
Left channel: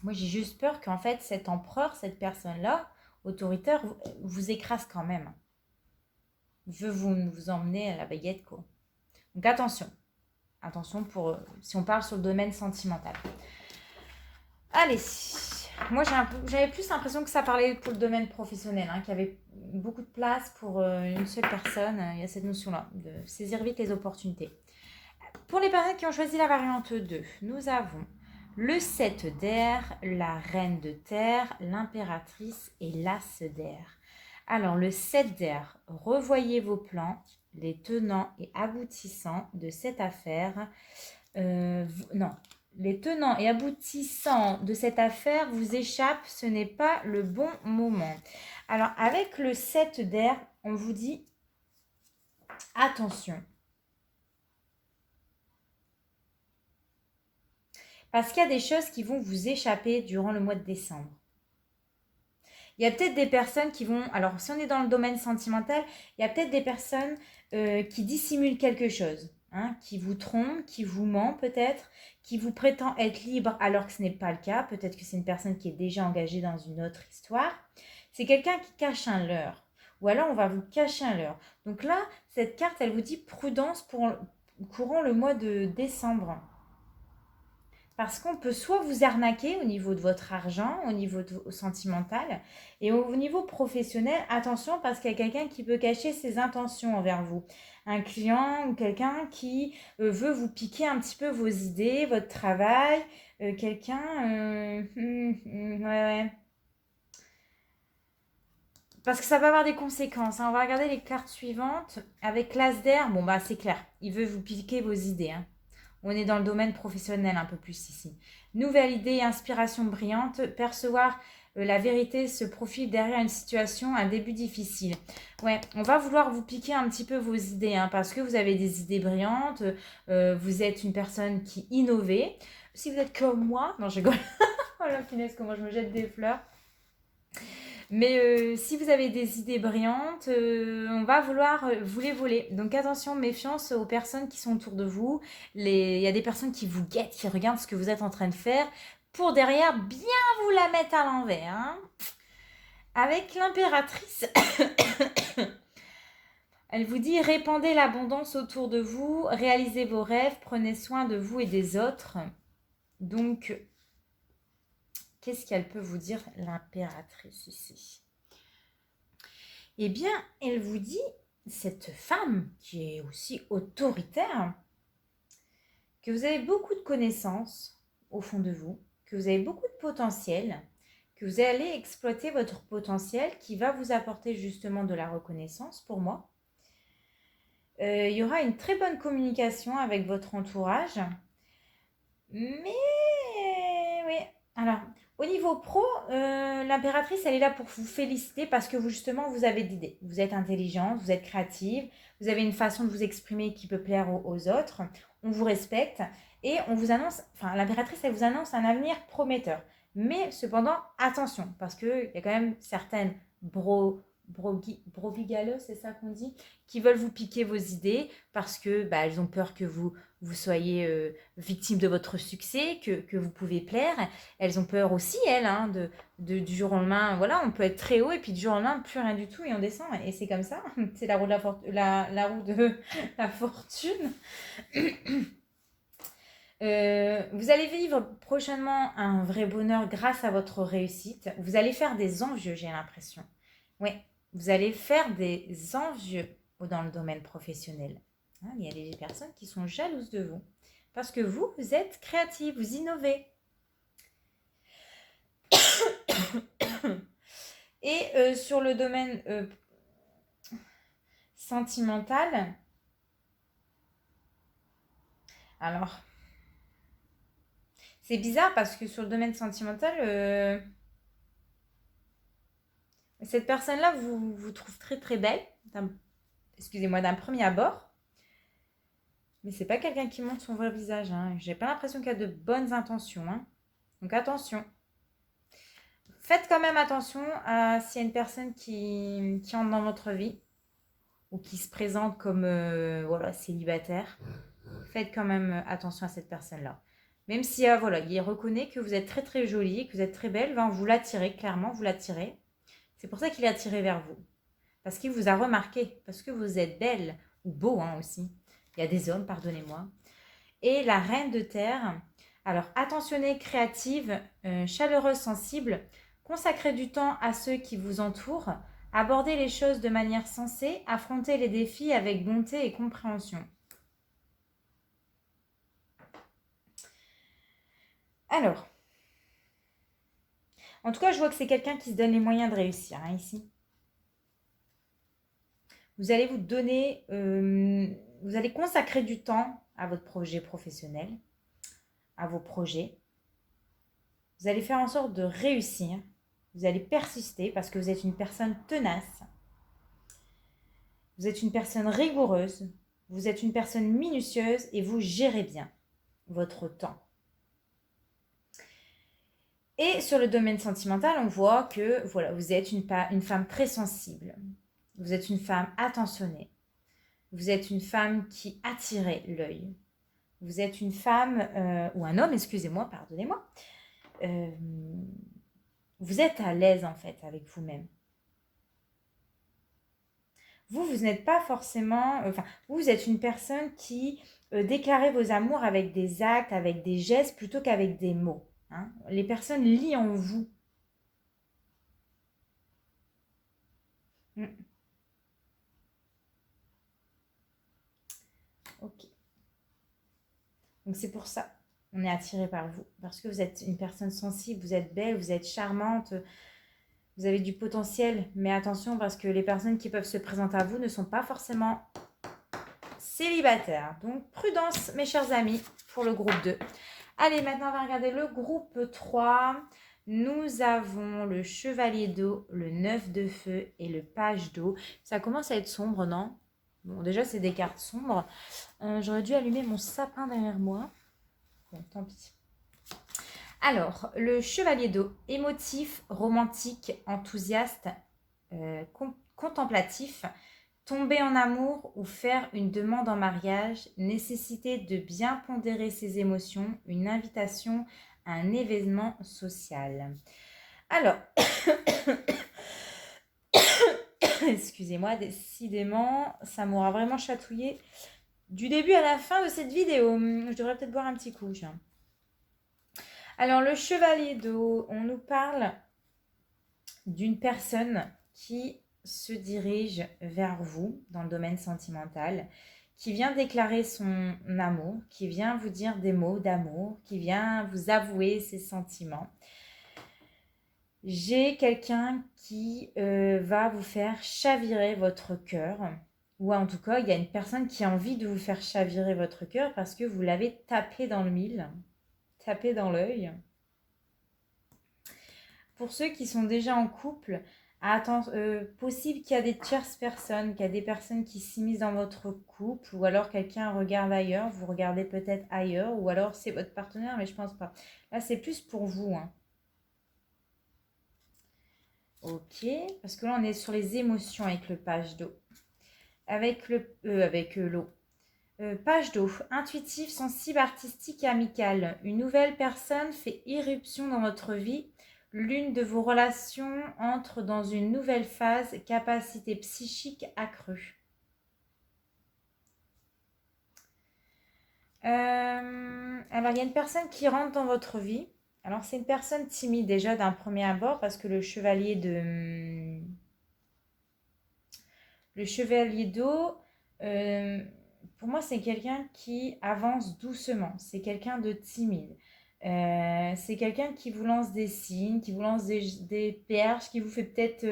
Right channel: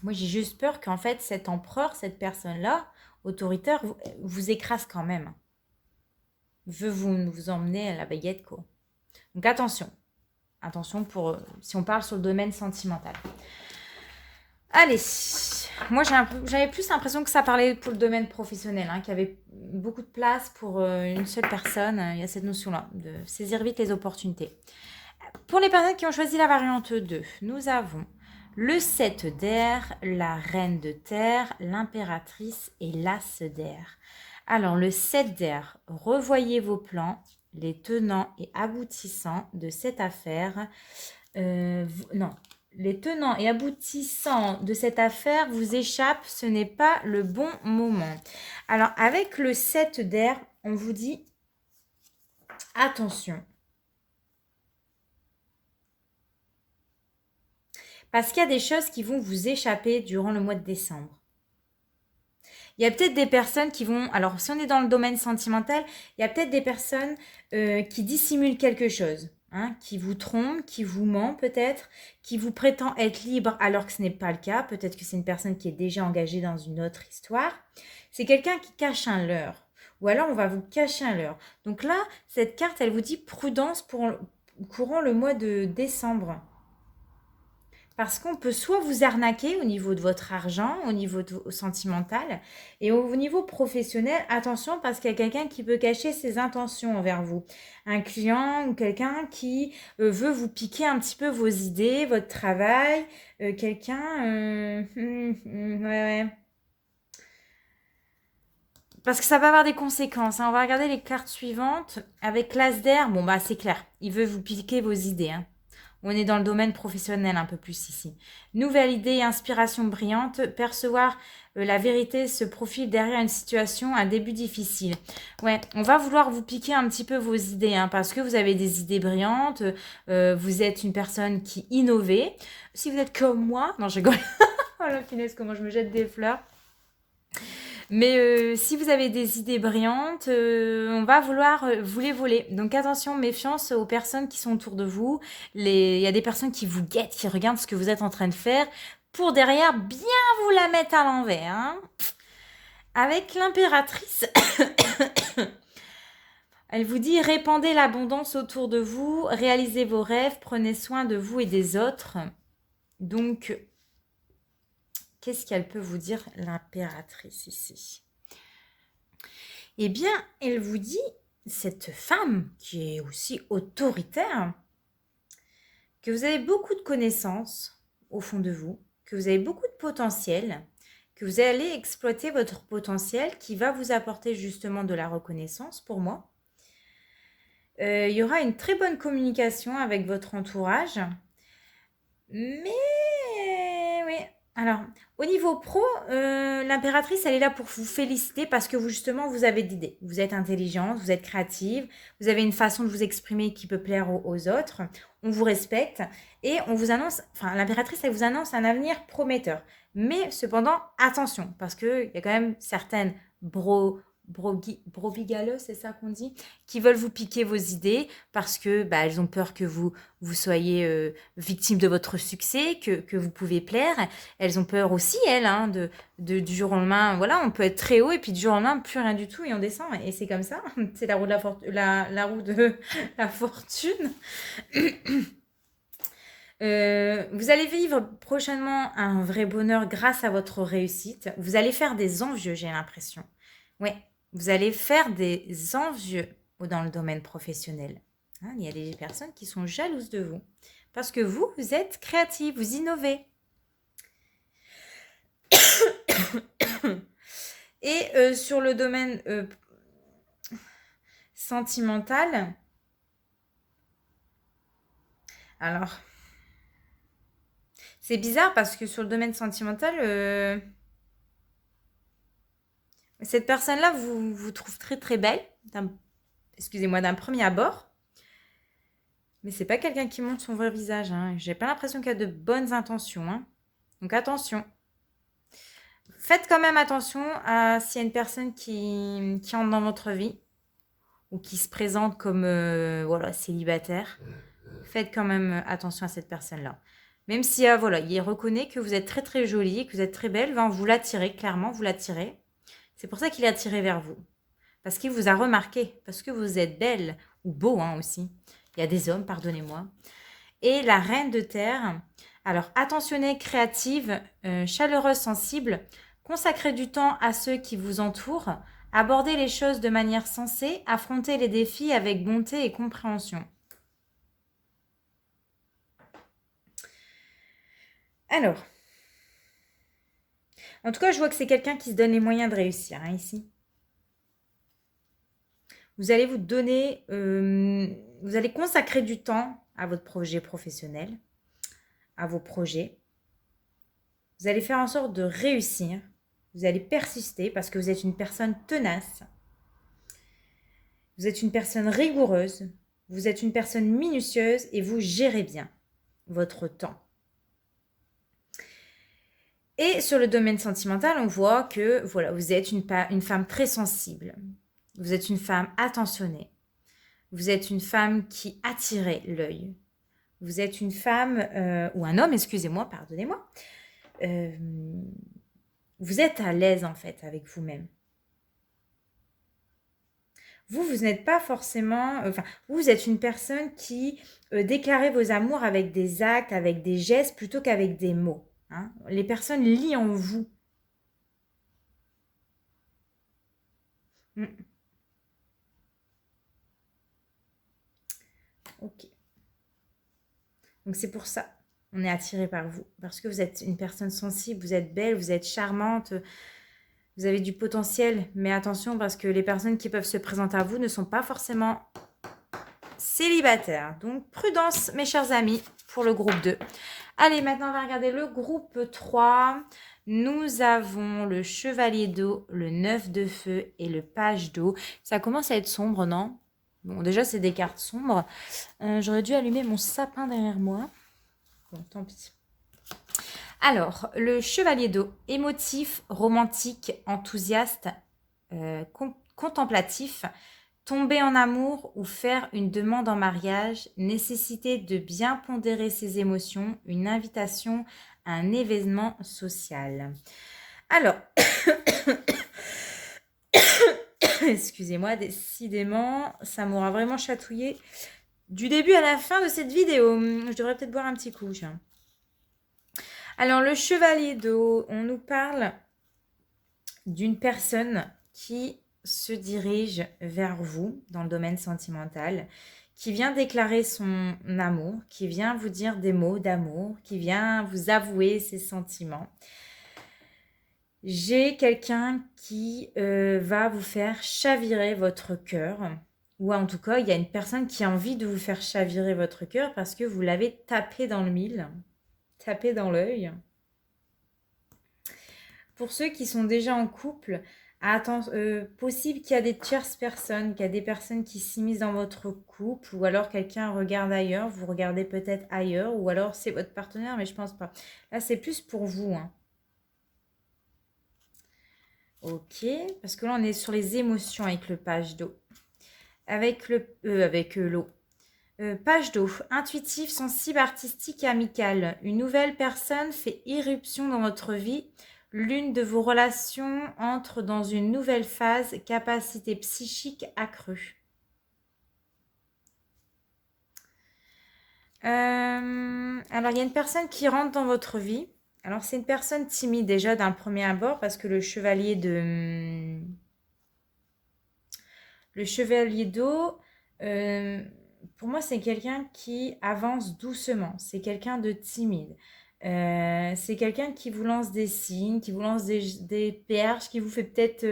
moi j'ai juste peur qu'en fait cet empereur, cette personne-là, autoritaire, vous écrase quand même. Veut vous emmener à la baguette, quoi. Donc attention. Attention pour si on parle sur le domaine sentimental. Allez, Moi, j'avais plus l'impression que ça parlait pour le domaine professionnel, hein, qu'il y avait beaucoup de place pour une seule personne. Il y a cette notion-là, de saisir vite les opportunités. Pour les personnes qui ont choisi la variante 2, nous avons le 7 d'air, la reine de terre, l'impératrice et l'as d'air. Alors, le 7 d'air, revoyez vos plans, les tenants et aboutissants de cette affaire. Non, les tenants et aboutissants de cette affaire vous échappent, ce n'est pas le bon moment. Alors, avec le 7 d'air, on vous dit attention. Parce qu'il y a des choses qui vont vous échapper durant le mois de décembre. Il y a peut-être des personnes qui vont... Alors, si on est dans le domaine sentimental, il y a peut-être des personnes qui dissimulent quelque chose. Hein, qui vous trompent, qui vous ment peut-être, qui vous prétend être libre alors que ce n'est pas le cas. Peut-être que c'est une personne qui est déjà engagée dans une autre histoire. C'est quelqu'un qui cache un leurre. Ou alors, on va vous cacher un leurre. Donc là, cette carte, elle vous dit prudence courant le mois de décembre. Parce qu'on peut soit vous arnaquer au niveau de votre argent, au niveau sentimental, et au niveau professionnel, attention parce qu'il y a quelqu'un qui peut cacher ses intentions envers vous. Un client ou quelqu'un qui veut vous piquer un petit peu vos idées, votre travail, quelqu'un... ouais. Parce que ça va avoir des conséquences. Hein. On va regarder les cartes suivantes. Avec l'as d'air, bon bah c'est clair, il veut vous piquer vos idées. Hein. On est dans le domaine professionnel un peu plus ici. Nouvelle idée, inspiration brillante, percevoir la vérité se profile derrière une situation, un début difficile. Ouais, on va vouloir vous piquer un petit peu vos idées, hein, parce que vous avez des idées brillantes, vous êtes une personne qui innove. Si vous êtes comme moi, non je rigole, oh la finesse, comment je me jette des fleurs. Mais si vous avez des idées brillantes, on va vouloir vous les voler. Donc attention, méfiance aux personnes qui sont autour de vous. Il y a des personnes qui vous guettent, qui regardent ce que vous êtes en train de faire pour derrière bien vous la mettre à l'envers. Hein. Avec l'impératrice, elle vous dit répandez l'abondance autour de vous, réalisez vos rêves, prenez soin de vous et des autres. Donc, qu'est-ce qu'elle peut vous dire, l'impératrice, ici? Eh bien, elle vous dit, cette femme qui est aussi autoritaire, que vous avez beaucoup de connaissances au fond de vous, que vous avez beaucoup de potentiel, que vous allez exploiter votre potentiel qui va vous apporter justement de la reconnaissance pour moi. Il y aura une très bonne communication avec votre entourage. Mais oui, alors au niveau pro, l'impératrice, elle est là pour vous féliciter parce que vous, justement, vous avez d'idées. Vous êtes intelligente, vous êtes créative, vous avez une façon de vous exprimer qui peut plaire aux autres. On vous respecte et on vous annonce, enfin l'impératrice, elle vous annonce un avenir prometteur. Mais cependant, attention, parce qu'il y a quand même certaines brobigaleux, c'est ça qu'on dit, qui veulent vous piquer vos idées parce que elles ont peur que vous soyez victime de votre succès, que vous pouvez plaire. Elles ont peur aussi, elles, hein, du jour au lendemain. Voilà, on peut être très haut et puis du jour au lendemain, plus rien du tout et on descend. Et c'est comme ça. C'est la roue de la roue de la fortune. Vous allez vivre prochainement un vrai bonheur grâce à votre réussite. Vous allez faire des envieux, j'ai l'impression. Ouais, vous allez faire des envieux dans le domaine professionnel. Hein, il y a des personnes qui sont jalouses de vous parce que vous êtes créatif, vous innovez. Et sur le domaine sentimental, alors, c'est bizarre parce que sur le domaine sentimental, cette personne-là vous trouve très très belle, excusez-moi, d'un premier abord. Mais c'est pas quelqu'un qui montre son vrai visage. Hein. J'ai pas l'impression qu'il y a de bonnes intentions. Hein. Donc attention. Faites quand même attention à s'il y a une personne qui entre dans votre vie ou qui se présente comme célibataire. Faites quand même attention à cette personne-là. Même si il reconnaît que vous êtes très très jolie, que vous êtes très belle, vous l'attirez, clairement, vous l'attirez. C'est pour ça qu'il est attiré vers vous. Parce qu'il vous a remarqué, parce que vous êtes belle ou beau aussi. Il y a des hommes, pardonnez-moi. Et la reine de terre, Alors, attentionnée, créative, chaleureuse, sensible, consacrez du temps à ceux qui vous entourent, abordez les choses de manière sensée, affrontez les défis avec bonté et compréhension. Alors, en tout cas, je vois que c'est quelqu'un qui se donne les moyens de réussir, hein, ici. Vous allez vous donner, vous allez consacrer du temps à votre projet professionnel, à vos projets. Vous allez faire en sorte de réussir. Vous allez persister parce que vous êtes une personne tenace. Vous êtes une personne rigoureuse. Vous êtes une personne minutieuse et vous gérez bien votre temps. Et sur le domaine sentimental, on voit que voilà, vous êtes une femme très sensible. Vous êtes une femme attentionnée. Vous êtes une femme qui attire l'œil. Vous êtes une femme, ou un homme, excusez-moi, pardonnez-moi. Vous êtes à l'aise en fait avec vous-même. Vous n'êtes pas forcément... Enfin, vous êtes une personne qui déclarez vos amours avec des actes, avec des gestes, plutôt qu'avec des mots. Hein. Les personnes lient en vous. Ok. Donc c'est pour ça, on est attiré par vous. Parce que vous êtes une personne sensible, vous êtes belle, vous êtes charmante, vous avez du potentiel. Mais attention, parce que les personnes qui peuvent se présenter à vous ne sont pas forcément célibataires. Donc prudence, mes chers amis, pour le groupe 2. Allez, maintenant on va regarder le groupe 3. Nous avons le chevalier d'eau, le 9 de feu et le page d'eau. Ça commence à être sombre, non? Bon, déjà, c'est des cartes sombres. J'aurais dû allumer mon sapin derrière moi. Bon, tant pis. Alors, le chevalier d'eau, émotif, romantique, enthousiaste, contemplatif, tomber en amour ou faire une demande en mariage, nécessité de bien pondérer ses émotions, une invitation à un événement social. Alors, excusez-moi, décidément, ça m'aura vraiment chatouillé du début à la fin de cette vidéo. Je devrais peut-être boire un petit coup. Alors, le chevalier d'eau, on nous parle d'une personne qui se dirige vers vous dans le domaine sentimental, qui vient déclarer son amour, qui vient vous dire des mots d'amour, qui vient vous avouer ses sentiments. J'ai quelqu'un qui va vous faire chavirer votre cœur, ou en tout cas, il y a une personne qui a envie de vous faire chavirer votre cœur parce que vous l'avez tapé dans le mille, tapé dans l'œil. Pour ceux qui sont déjà en couple, possible qu'il y a des tierces personnes, qu'il y a des personnes qui s'immiscent dans votre couple, ou alors quelqu'un regarde ailleurs, vous regardez peut-être ailleurs, ou alors c'est votre partenaire, mais je pense pas. Là, c'est plus pour vous. Hein. Ok, parce que là, on est sur les émotions avec le page d'eau. Avec l'eau. Page d'eau. Intuitif, sensible, artistique et amical. Une nouvelle personne fait irruption dans votre vie. L'une de vos relations entre dans une nouvelle phase, capacité psychique accrue. Alors, il y a une personne qui rentre dans votre vie. Alors, c'est une personne timide déjà d'un premier abord parce que le chevalier d'eau, pour moi, c'est quelqu'un qui avance doucement. C'est quelqu'un de timide. C'est quelqu'un qui vous lance des signes, qui vous lance des perches, qui vous fait peut-être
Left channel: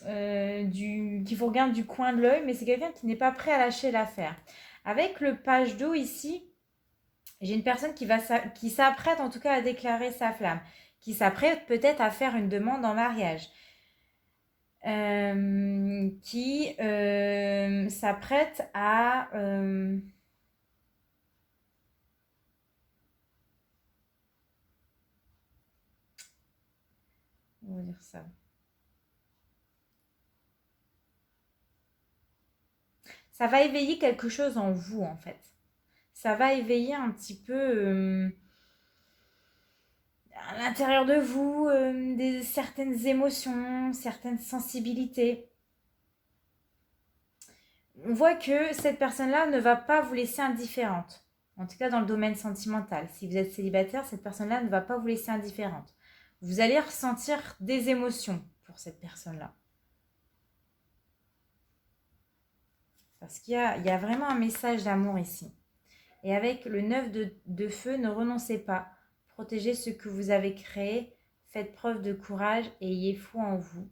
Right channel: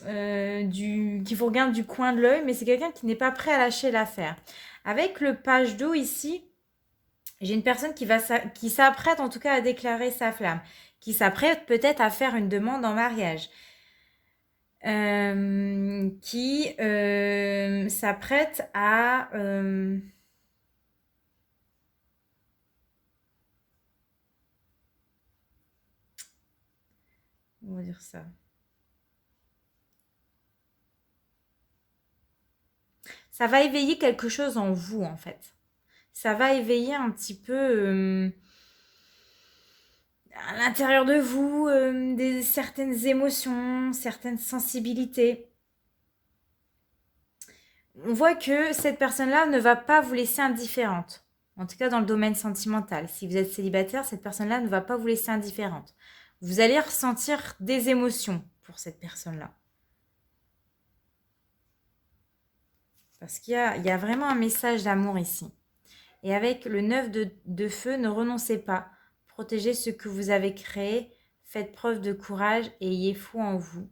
qui vous regarde du coin de l'œil, mais c'est quelqu'un qui n'est pas prêt à lâcher l'affaire. Avec le page d'eau ici, j'ai une personne qui s'apprête en tout cas à déclarer sa flamme, qui s'apprête peut-être à faire une demande en mariage, qui s'apprête à... on va dire ça. Ça va éveiller quelque chose en vous, en fait. Ça va éveiller un petit peu à l'intérieur de vous certaines émotions, certaines sensibilités. On voit que cette personne-là ne va pas vous laisser indifférente. En tout cas, dans le domaine sentimental. Si vous êtes célibataire, cette personne-là ne va pas vous laisser indifférente. Vous allez ressentir des émotions pour cette personne-là. Parce qu'il y a vraiment un message d'amour ici. Et avec le 9 de feu, ne renoncez pas. Protégez ce que vous avez créé. Faites preuve de courage et ayez foi en vous.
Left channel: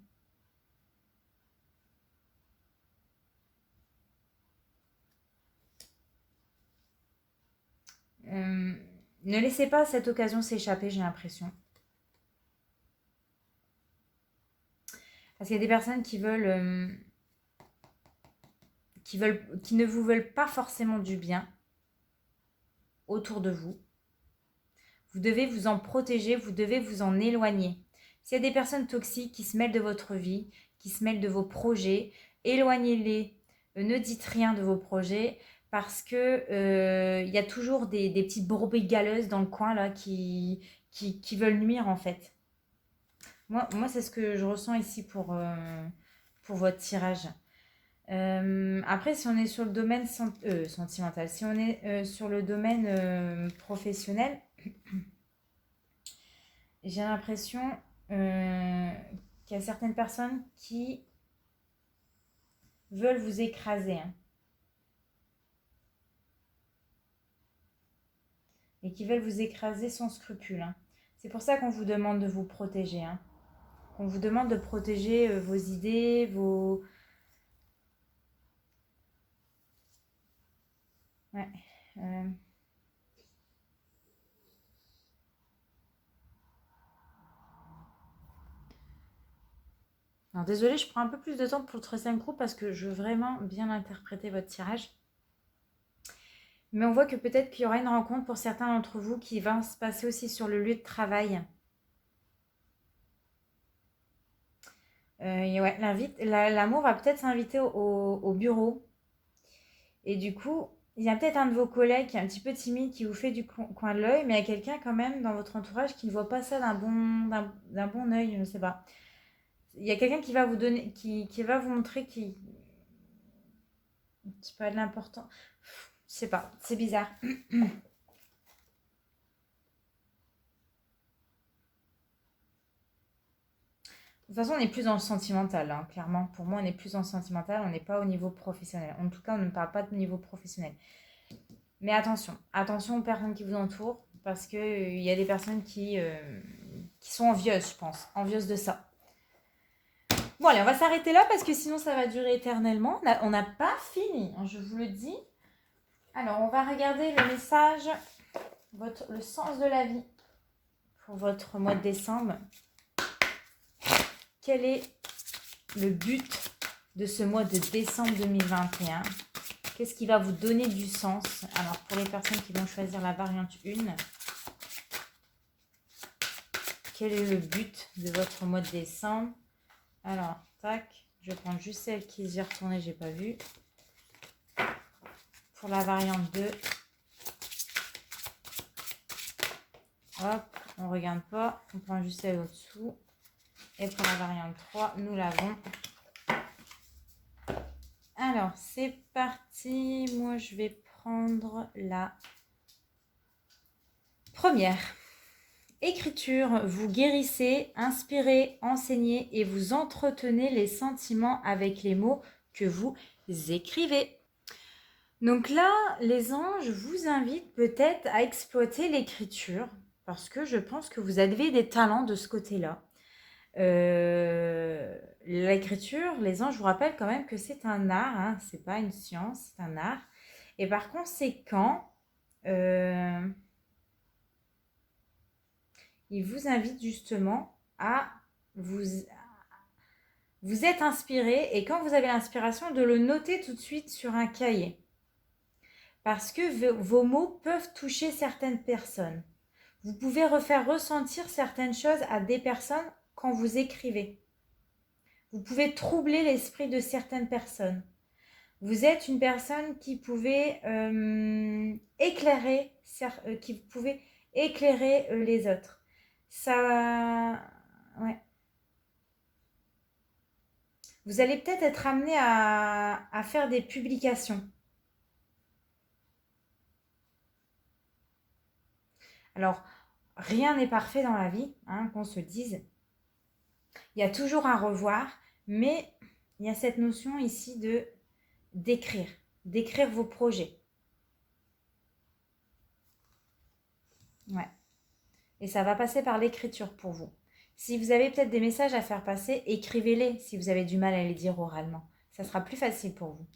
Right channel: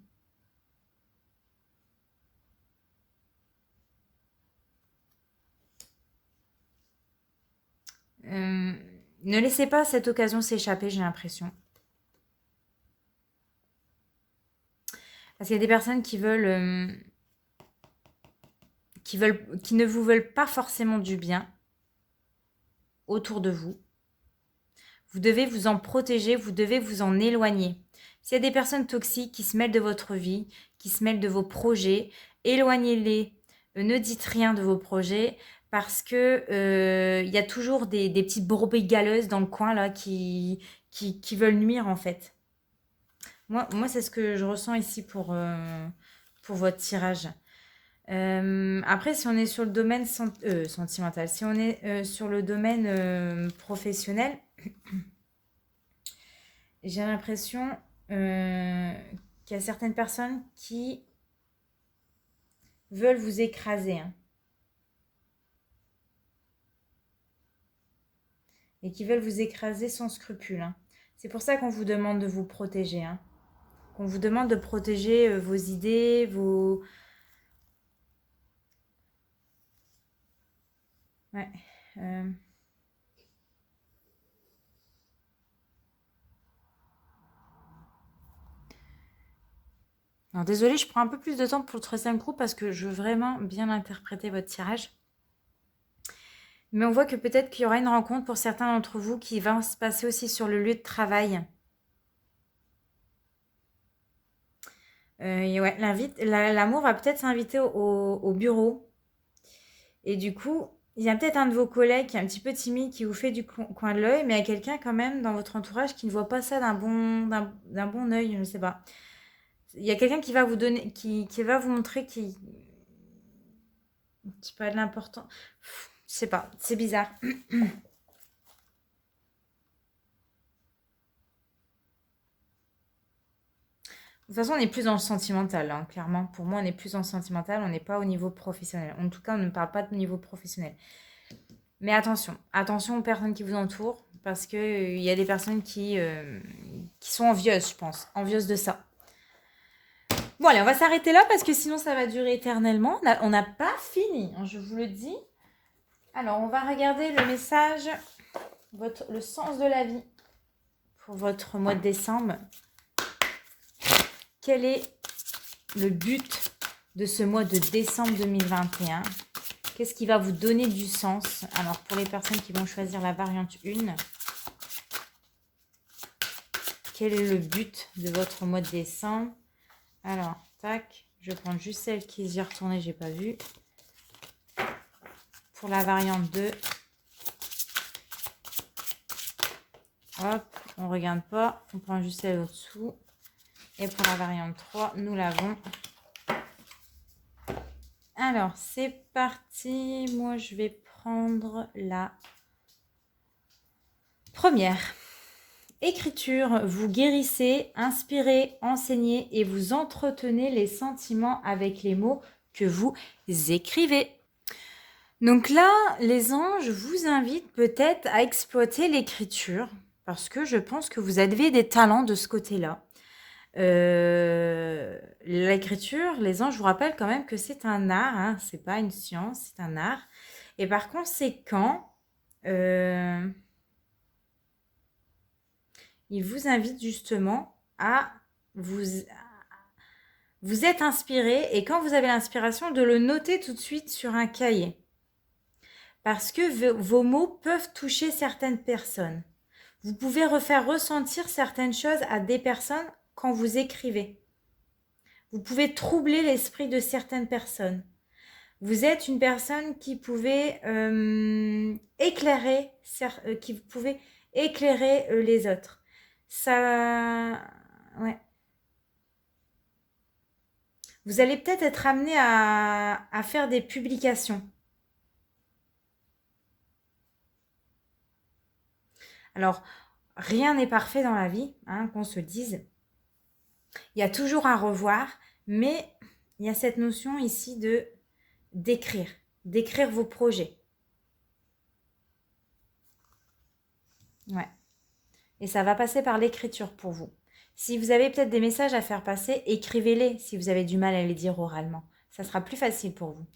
Ne laissez pas cette occasion s'échapper, j'ai l'impression. Parce qu'il y a des personnes qui ne vous veulent pas forcément du bien autour de vous. Vous devez vous en protéger, vous devez vous en éloigner. S'il y a des personnes toxiques qui se mêlent de votre vie, qui se mêlent de vos projets, éloignez-les. Ne dites rien de vos projets parce que y a toujours des petites brebis galeuses dans le coin là qui veulent nuire en fait. Moi c'est ce que je ressens ici pour votre tirage. Après, si on est sur le domaine sentimental, si on est sur le domaine professionnel, j'ai l'impression qu'il y a certaines personnes qui veulent vous écraser, hein, et qui veulent vous écraser sans scrupule, hein. C'est pour ça qu'on vous demande de vous protéger, hein. Qu'on vous demande de protéger vos idées, vos... Ouais. Alors, désolée, je prends un peu plus de temps pour le troisième groupe parce que je veux vraiment bien interpréter votre tirage. Mais on voit que peut-être qu'il y aura une rencontre pour certains d'entre vous qui va se passer aussi sur le lieu de travail. Et ouais, l'amour va peut-être s'inviter au bureau. Et du coup, il y a peut-être un de vos collègues qui est un petit peu timide, qui vous fait du coin de l'œil, mais il y a quelqu'un quand même dans votre entourage qui ne voit pas ça d'un bon œil, je ne sais pas. Il y a quelqu'un qui va vous donner, qui va vous montrer qui pas de l'important. Je sais pas, c'est bizarre. De toute façon, on est plus dans le sentimental, hein, clairement. Pour moi, on est plus dans le sentimental, on n'est pas au niveau professionnel. En tout cas, on ne parle pas de niveau professionnel. Mais attention, attention aux personnes qui vous entourent, parce qu'il y a des personnes qui sont envieuses, je pense, envieuses de ça. Bon, allez, on va s'arrêter là, parce que sinon, ça va durer éternellement. On n'a pas fini, hein, je vous le dis. Alors, on va regarder le message, le sens de la vie pour votre mois de décembre. Quel est le but de ce mois de décembre 2021? Qu'est-ce qui va vous donner du sens? Alors, pour les personnes qui vont choisir la variante 1, quel est le but de votre mois de décembre? Alors, tac, je prends juste celle qui y est retournée, j'ai pas vu. Pour la variante 2, hop, on regarde pas, on prend juste celle au-dessous. Et pour la variante 3, nous l'avons. Alors, c'est parti. Moi, je vais prendre la première. Écriture, vous guérissez, inspirez, enseignez et vous entretenez les sentiments avec les mots que vous écrivez. Donc là, les anges vous invitent peut-être à exploiter l'écriture parce que je pense que vous avez des talents de ce côté-là. L'écriture, les anges, je vous rappelle quand même que c'est un art, hein, c'est pas une science, c'est un art. Et par conséquent, il vous invite justement à vous êtes inspiré et quand vous avez l'inspiration, de le noter tout de suite sur un cahier. Parce que vos mots peuvent toucher certaines personnes. Vous pouvez refaire ressentir certaines choses à des personnes quand vous écrivez. Vous pouvez troubler l'esprit de certaines personnes. Vous êtes une personne qui pouvait éclairer les autres. Ça, ouais. Vous allez peut-être être amené à faire des publications. Alors, rien n'est parfait dans la vie, hein, qu'on se dise. Il y a toujours un revoir, mais il y a cette notion ici de d'écrire vos projets. Ouais. Et ça va passer par l'écriture pour vous. Si vous avez peut-être des messages à faire passer, écrivez-les si vous avez du mal à les dire oralement. Ça sera plus facile pour vous.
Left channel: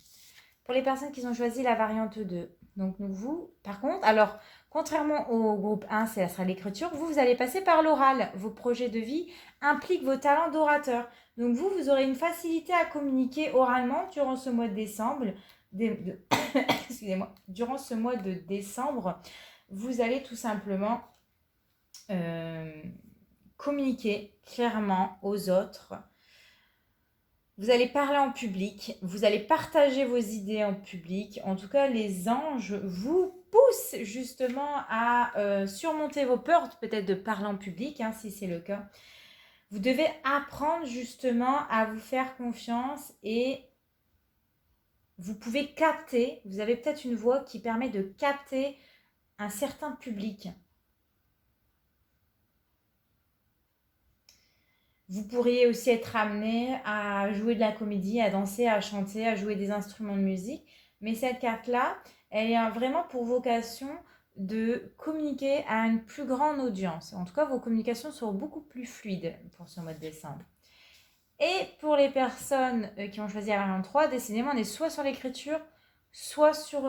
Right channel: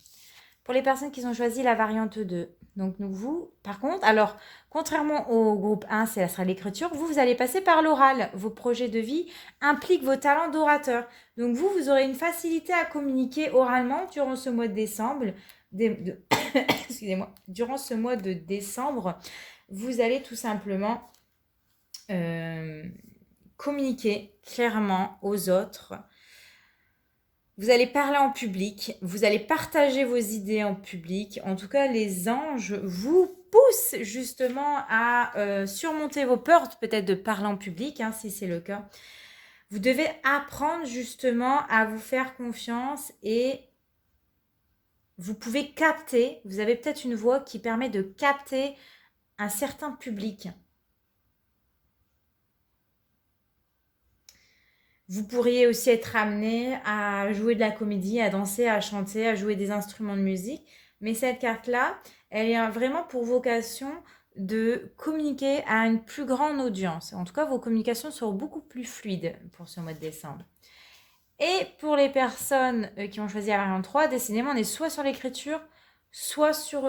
Pour les personnes qui ont choisi la variante 2, donc vous, par contre, alors, contrairement au groupe 1, ça sera l'écriture, vous allez passer par l'oral. Vos projets de vie impliquent vos talents d'orateur. Donc vous aurez une facilité à communiquer oralement durant ce mois de décembre. Excusez-moi, durant ce mois de décembre, vous allez tout simplement communiquer clairement aux autres. Vous allez parler en public, vous allez partager vos idées en public. En tout cas, les anges vous poussent justement à surmonter vos peurs, peut-être de parler en public, hein, si c'est le cas. Vous devez apprendre justement à vous faire confiance et vous pouvez capter, vous avez peut-être une voix qui permet de capter un certain public. Vous pourriez aussi être amené à jouer de la comédie, à danser, à chanter, à jouer des instruments de musique. Mais cette carte-là, elle a vraiment pour vocation de communiquer à une plus grande audience. En tout cas, vos communications seront beaucoup plus fluides pour ce mois de décembre. Et pour les personnes qui ont choisi la variante 3, décidément, on est soit sur l'écriture, soit sur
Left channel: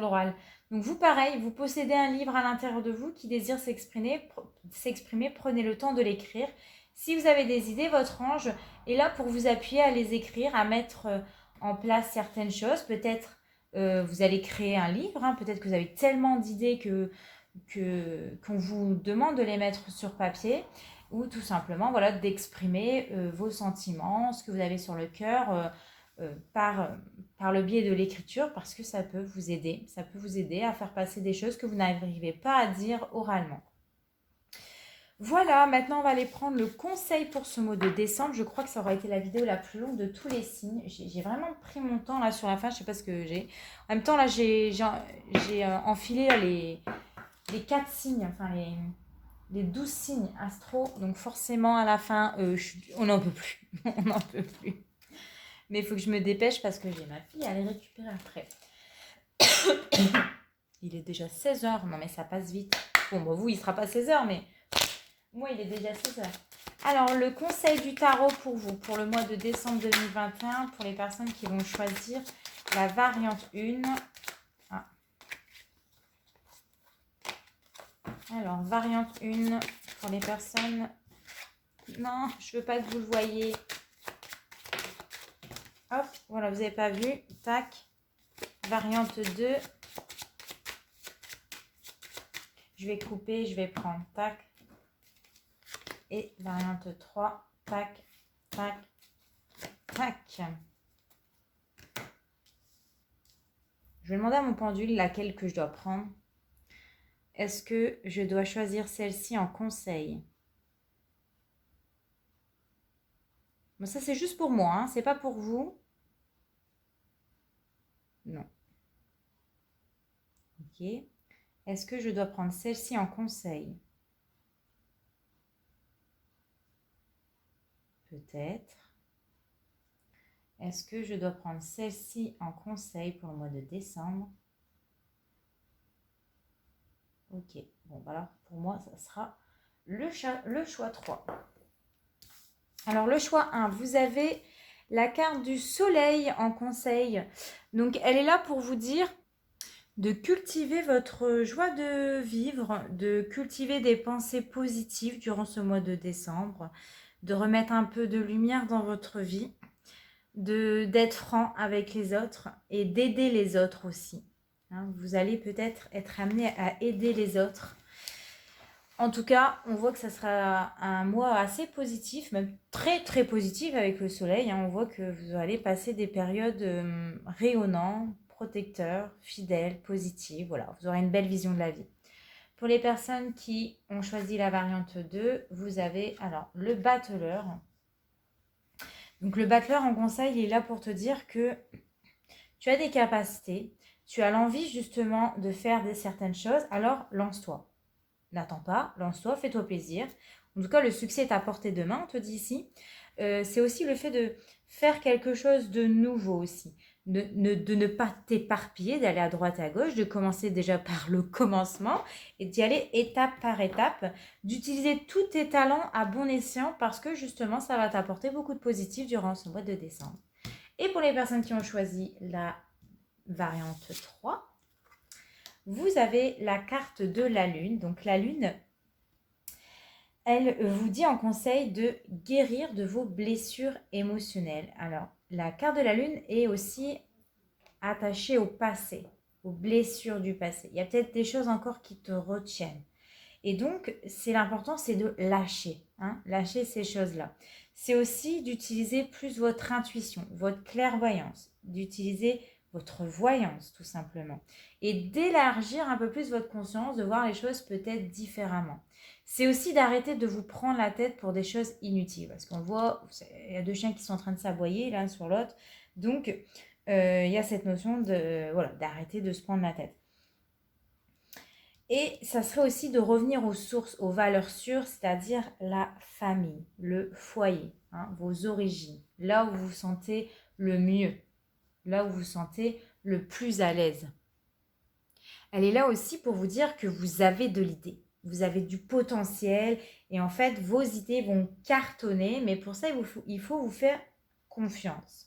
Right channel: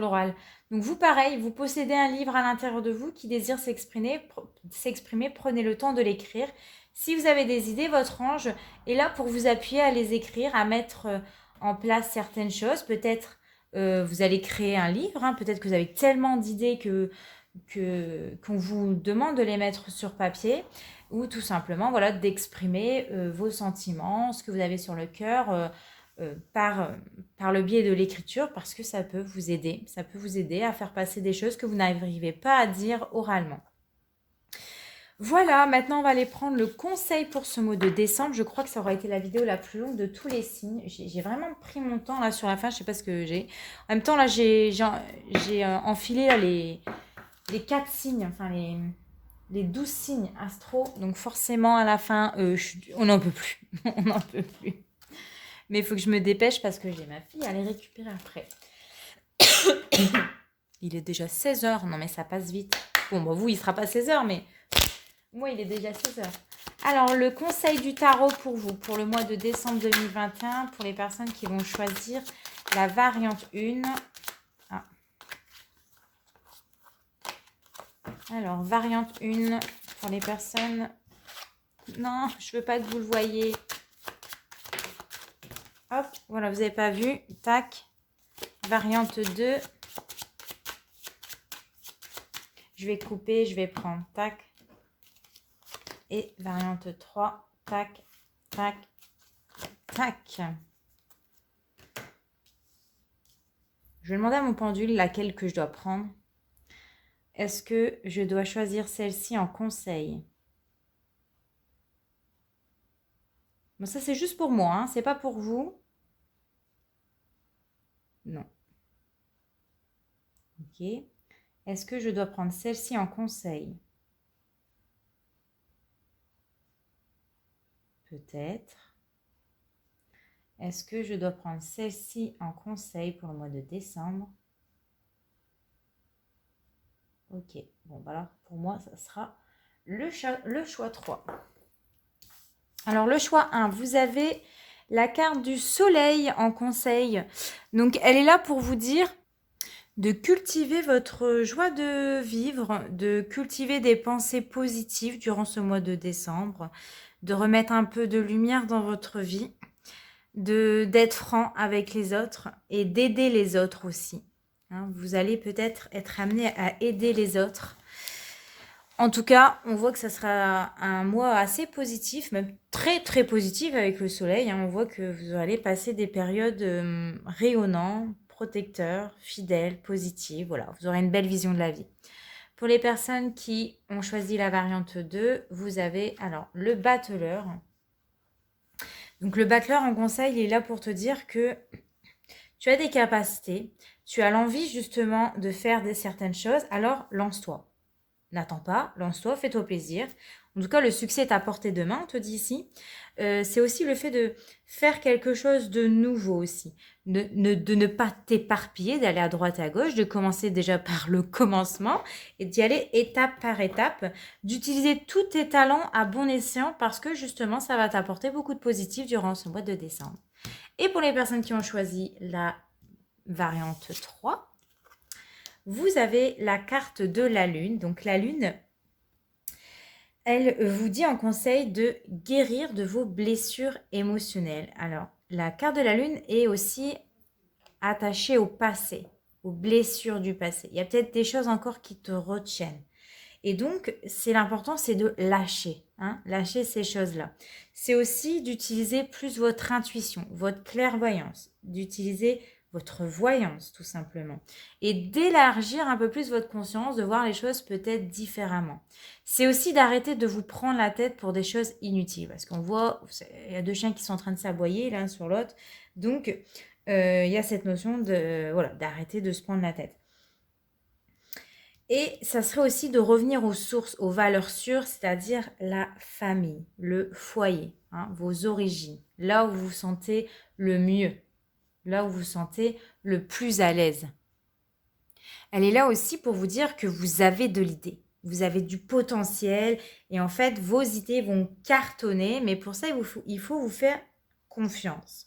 l'oral. Donc vous, pareil, vous possédez un livre à l'intérieur de vous qui désire s'exprimer, prenez le temps de l'écrire. Si vous avez des idées, votre ange est là pour vous appuyer à les écrire, à mettre en place certaines choses. Peut-être vous allez créer un livre, hein, peut-être que vous avez tellement d'idées qu'on vous demande de les mettre sur papier, ou tout simplement voilà, d'exprimer vos sentiments, ce que vous avez sur le cœur, par le biais de l'écriture, parce que ça peut vous aider. Ça peut vous aider à faire passer des choses que vous n'arrivez pas à dire oralement. Voilà, maintenant on va aller prendre le conseil pour ce mois de décembre. Je crois que ça aura été la vidéo la plus longue de tous les signes. J'ai vraiment pris mon temps là sur la fin, je sais pas ce que j'ai. En même temps là j'ai enfilé là, les 4 signes, enfin les 12 signes astro. Donc forcément à la fin, on n'en peut plus. On n'en peut plus. Mais il faut que je me dépêche parce que j'ai ma fille à aller récupérer après. Il est déjà 16h. Non mais ça passe vite. Bon, vous, il ne sera pas 16h, mais moi, il est déjà 16h. Alors, le conseil du tarot pour vous, pour le mois de décembre 2021, pour les personnes qui vont choisir la variante 1. Ah. Alors, variante 1, pour les personnes... Non, je ne veux pas que vous le voyez. Hop, voilà, vous n'avez pas vu. Tac. Variante 2. Je vais couper, je vais prendre. Tac. Et variante 3. Tac, tac, tac. Je vais demander à mon pendule laquelle que je dois prendre. Est-ce que je dois choisir celle-ci en conseil? Bon, ça, c'est juste pour moi, hein, c'est pas pour vous. Non. Ok. Est-ce que je dois prendre celle-ci en conseil? Peut-être. Est-ce que je dois prendre celle-ci en conseil pour le mois de décembre? Ok. Bon, alors pour moi, ça sera le choix 3. Alors, le choix 1, vous avez la carte du soleil en conseil. Donc, elle est là pour vous dire de cultiver votre joie de vivre, de cultiver des pensées positives durant ce mois de décembre, de remettre un peu de lumière dans votre vie, d'être franc avec les autres et d'aider les autres aussi. Hein, vous allez peut-être être amené à aider les autres. En tout cas, on voit que ça sera un mois assez positif, même très très positif avec le soleil. Hein. On voit que vous allez passer des périodes rayonnantes, protecteurs, fidèles, positives. Voilà, vous aurez une belle vision de la vie. Pour les personnes qui ont choisi la variante 2, vous avez alors le battleur. Donc le battleur en conseil, il est là pour te dire que tu as des capacités, tu as l'envie justement de faire certaines choses, alors lance-toi. N'attends pas, lance-toi, fais-toi plaisir. En tout cas, le succès est à portée de main, on te dit ici. C'est aussi le fait de faire quelque chose de nouveau aussi. De ne pas t'éparpiller, d'aller à droite à gauche, de commencer déjà par le commencement et d'y aller étape par étape, d'utiliser tous tes talents à bon escient parce que justement, ça va t'apporter beaucoup de positif durant ce mois de décembre. Et pour les personnes qui ont choisi la variante 3, vous avez la carte de la lune. Donc la lune, elle vous dit en conseil de guérir de vos blessures émotionnelles. Alors, la carte de la lune est aussi attachée au passé, aux blessures du passé. Il y a peut-être des choses encore qui te retiennent. Et donc, l'important, c'est de lâcher, lâcher ces choses-là. C'est aussi d'utiliser plus votre intuition, votre clairvoyance, d'utiliser votre voyance tout simplement. Et d'élargir un peu plus votre conscience, de voir les choses peut-être différemment. C'est aussi d'arrêter de vous prendre la tête pour des choses inutiles. Parce qu'on voit, il y a deux chiens qui sont en train de s'aboyer l'un sur l'autre. Donc, il y a cette notion d'arrêter de se prendre la tête. Et ça serait aussi de revenir aux sources, aux valeurs sûres, c'est-à-dire la famille, le foyer, vos origines, là où vous vous sentez le mieux, là où vous vous sentez le plus à l'aise. Elle est là aussi pour vous dire que vous avez de l'idée, vous avez du potentiel et en fait vos idées vont cartonner, mais pour ça il faut vous faire confiance.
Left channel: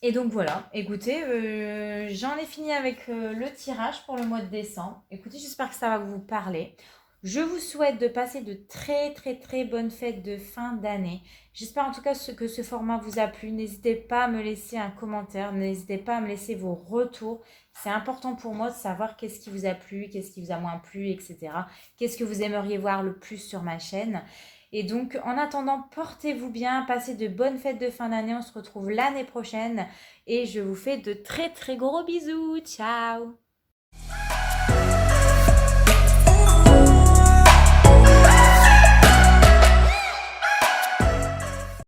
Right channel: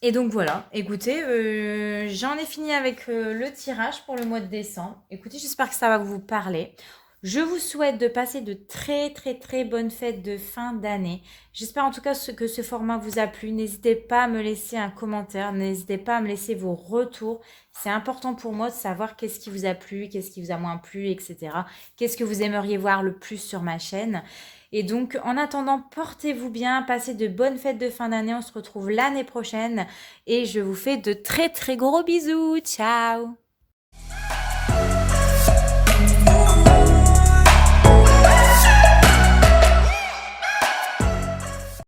Et donc voilà, écoutez, j'en ai fini avec le tirage pour le mois de décembre. Écoutez, j'espère que ça va vous parler. Je vous souhaite de passer de très très très bonnes fêtes de fin d'année. J'espère en tout cas que ce format vous a plu. N'hésitez pas à me laisser un commentaire, n'hésitez pas à me laisser vos retours. C'est important pour moi de savoir qu'est-ce qui vous a plu, qu'est-ce qui vous a moins plu, etc. Qu'est-ce que vous aimeriez voir le plus sur ma chaîne. Et donc, en attendant, portez-vous bien, passez de bonnes fêtes de fin d'année. On se retrouve l'année prochaine et je vous fais de très très gros bisous. Ciao!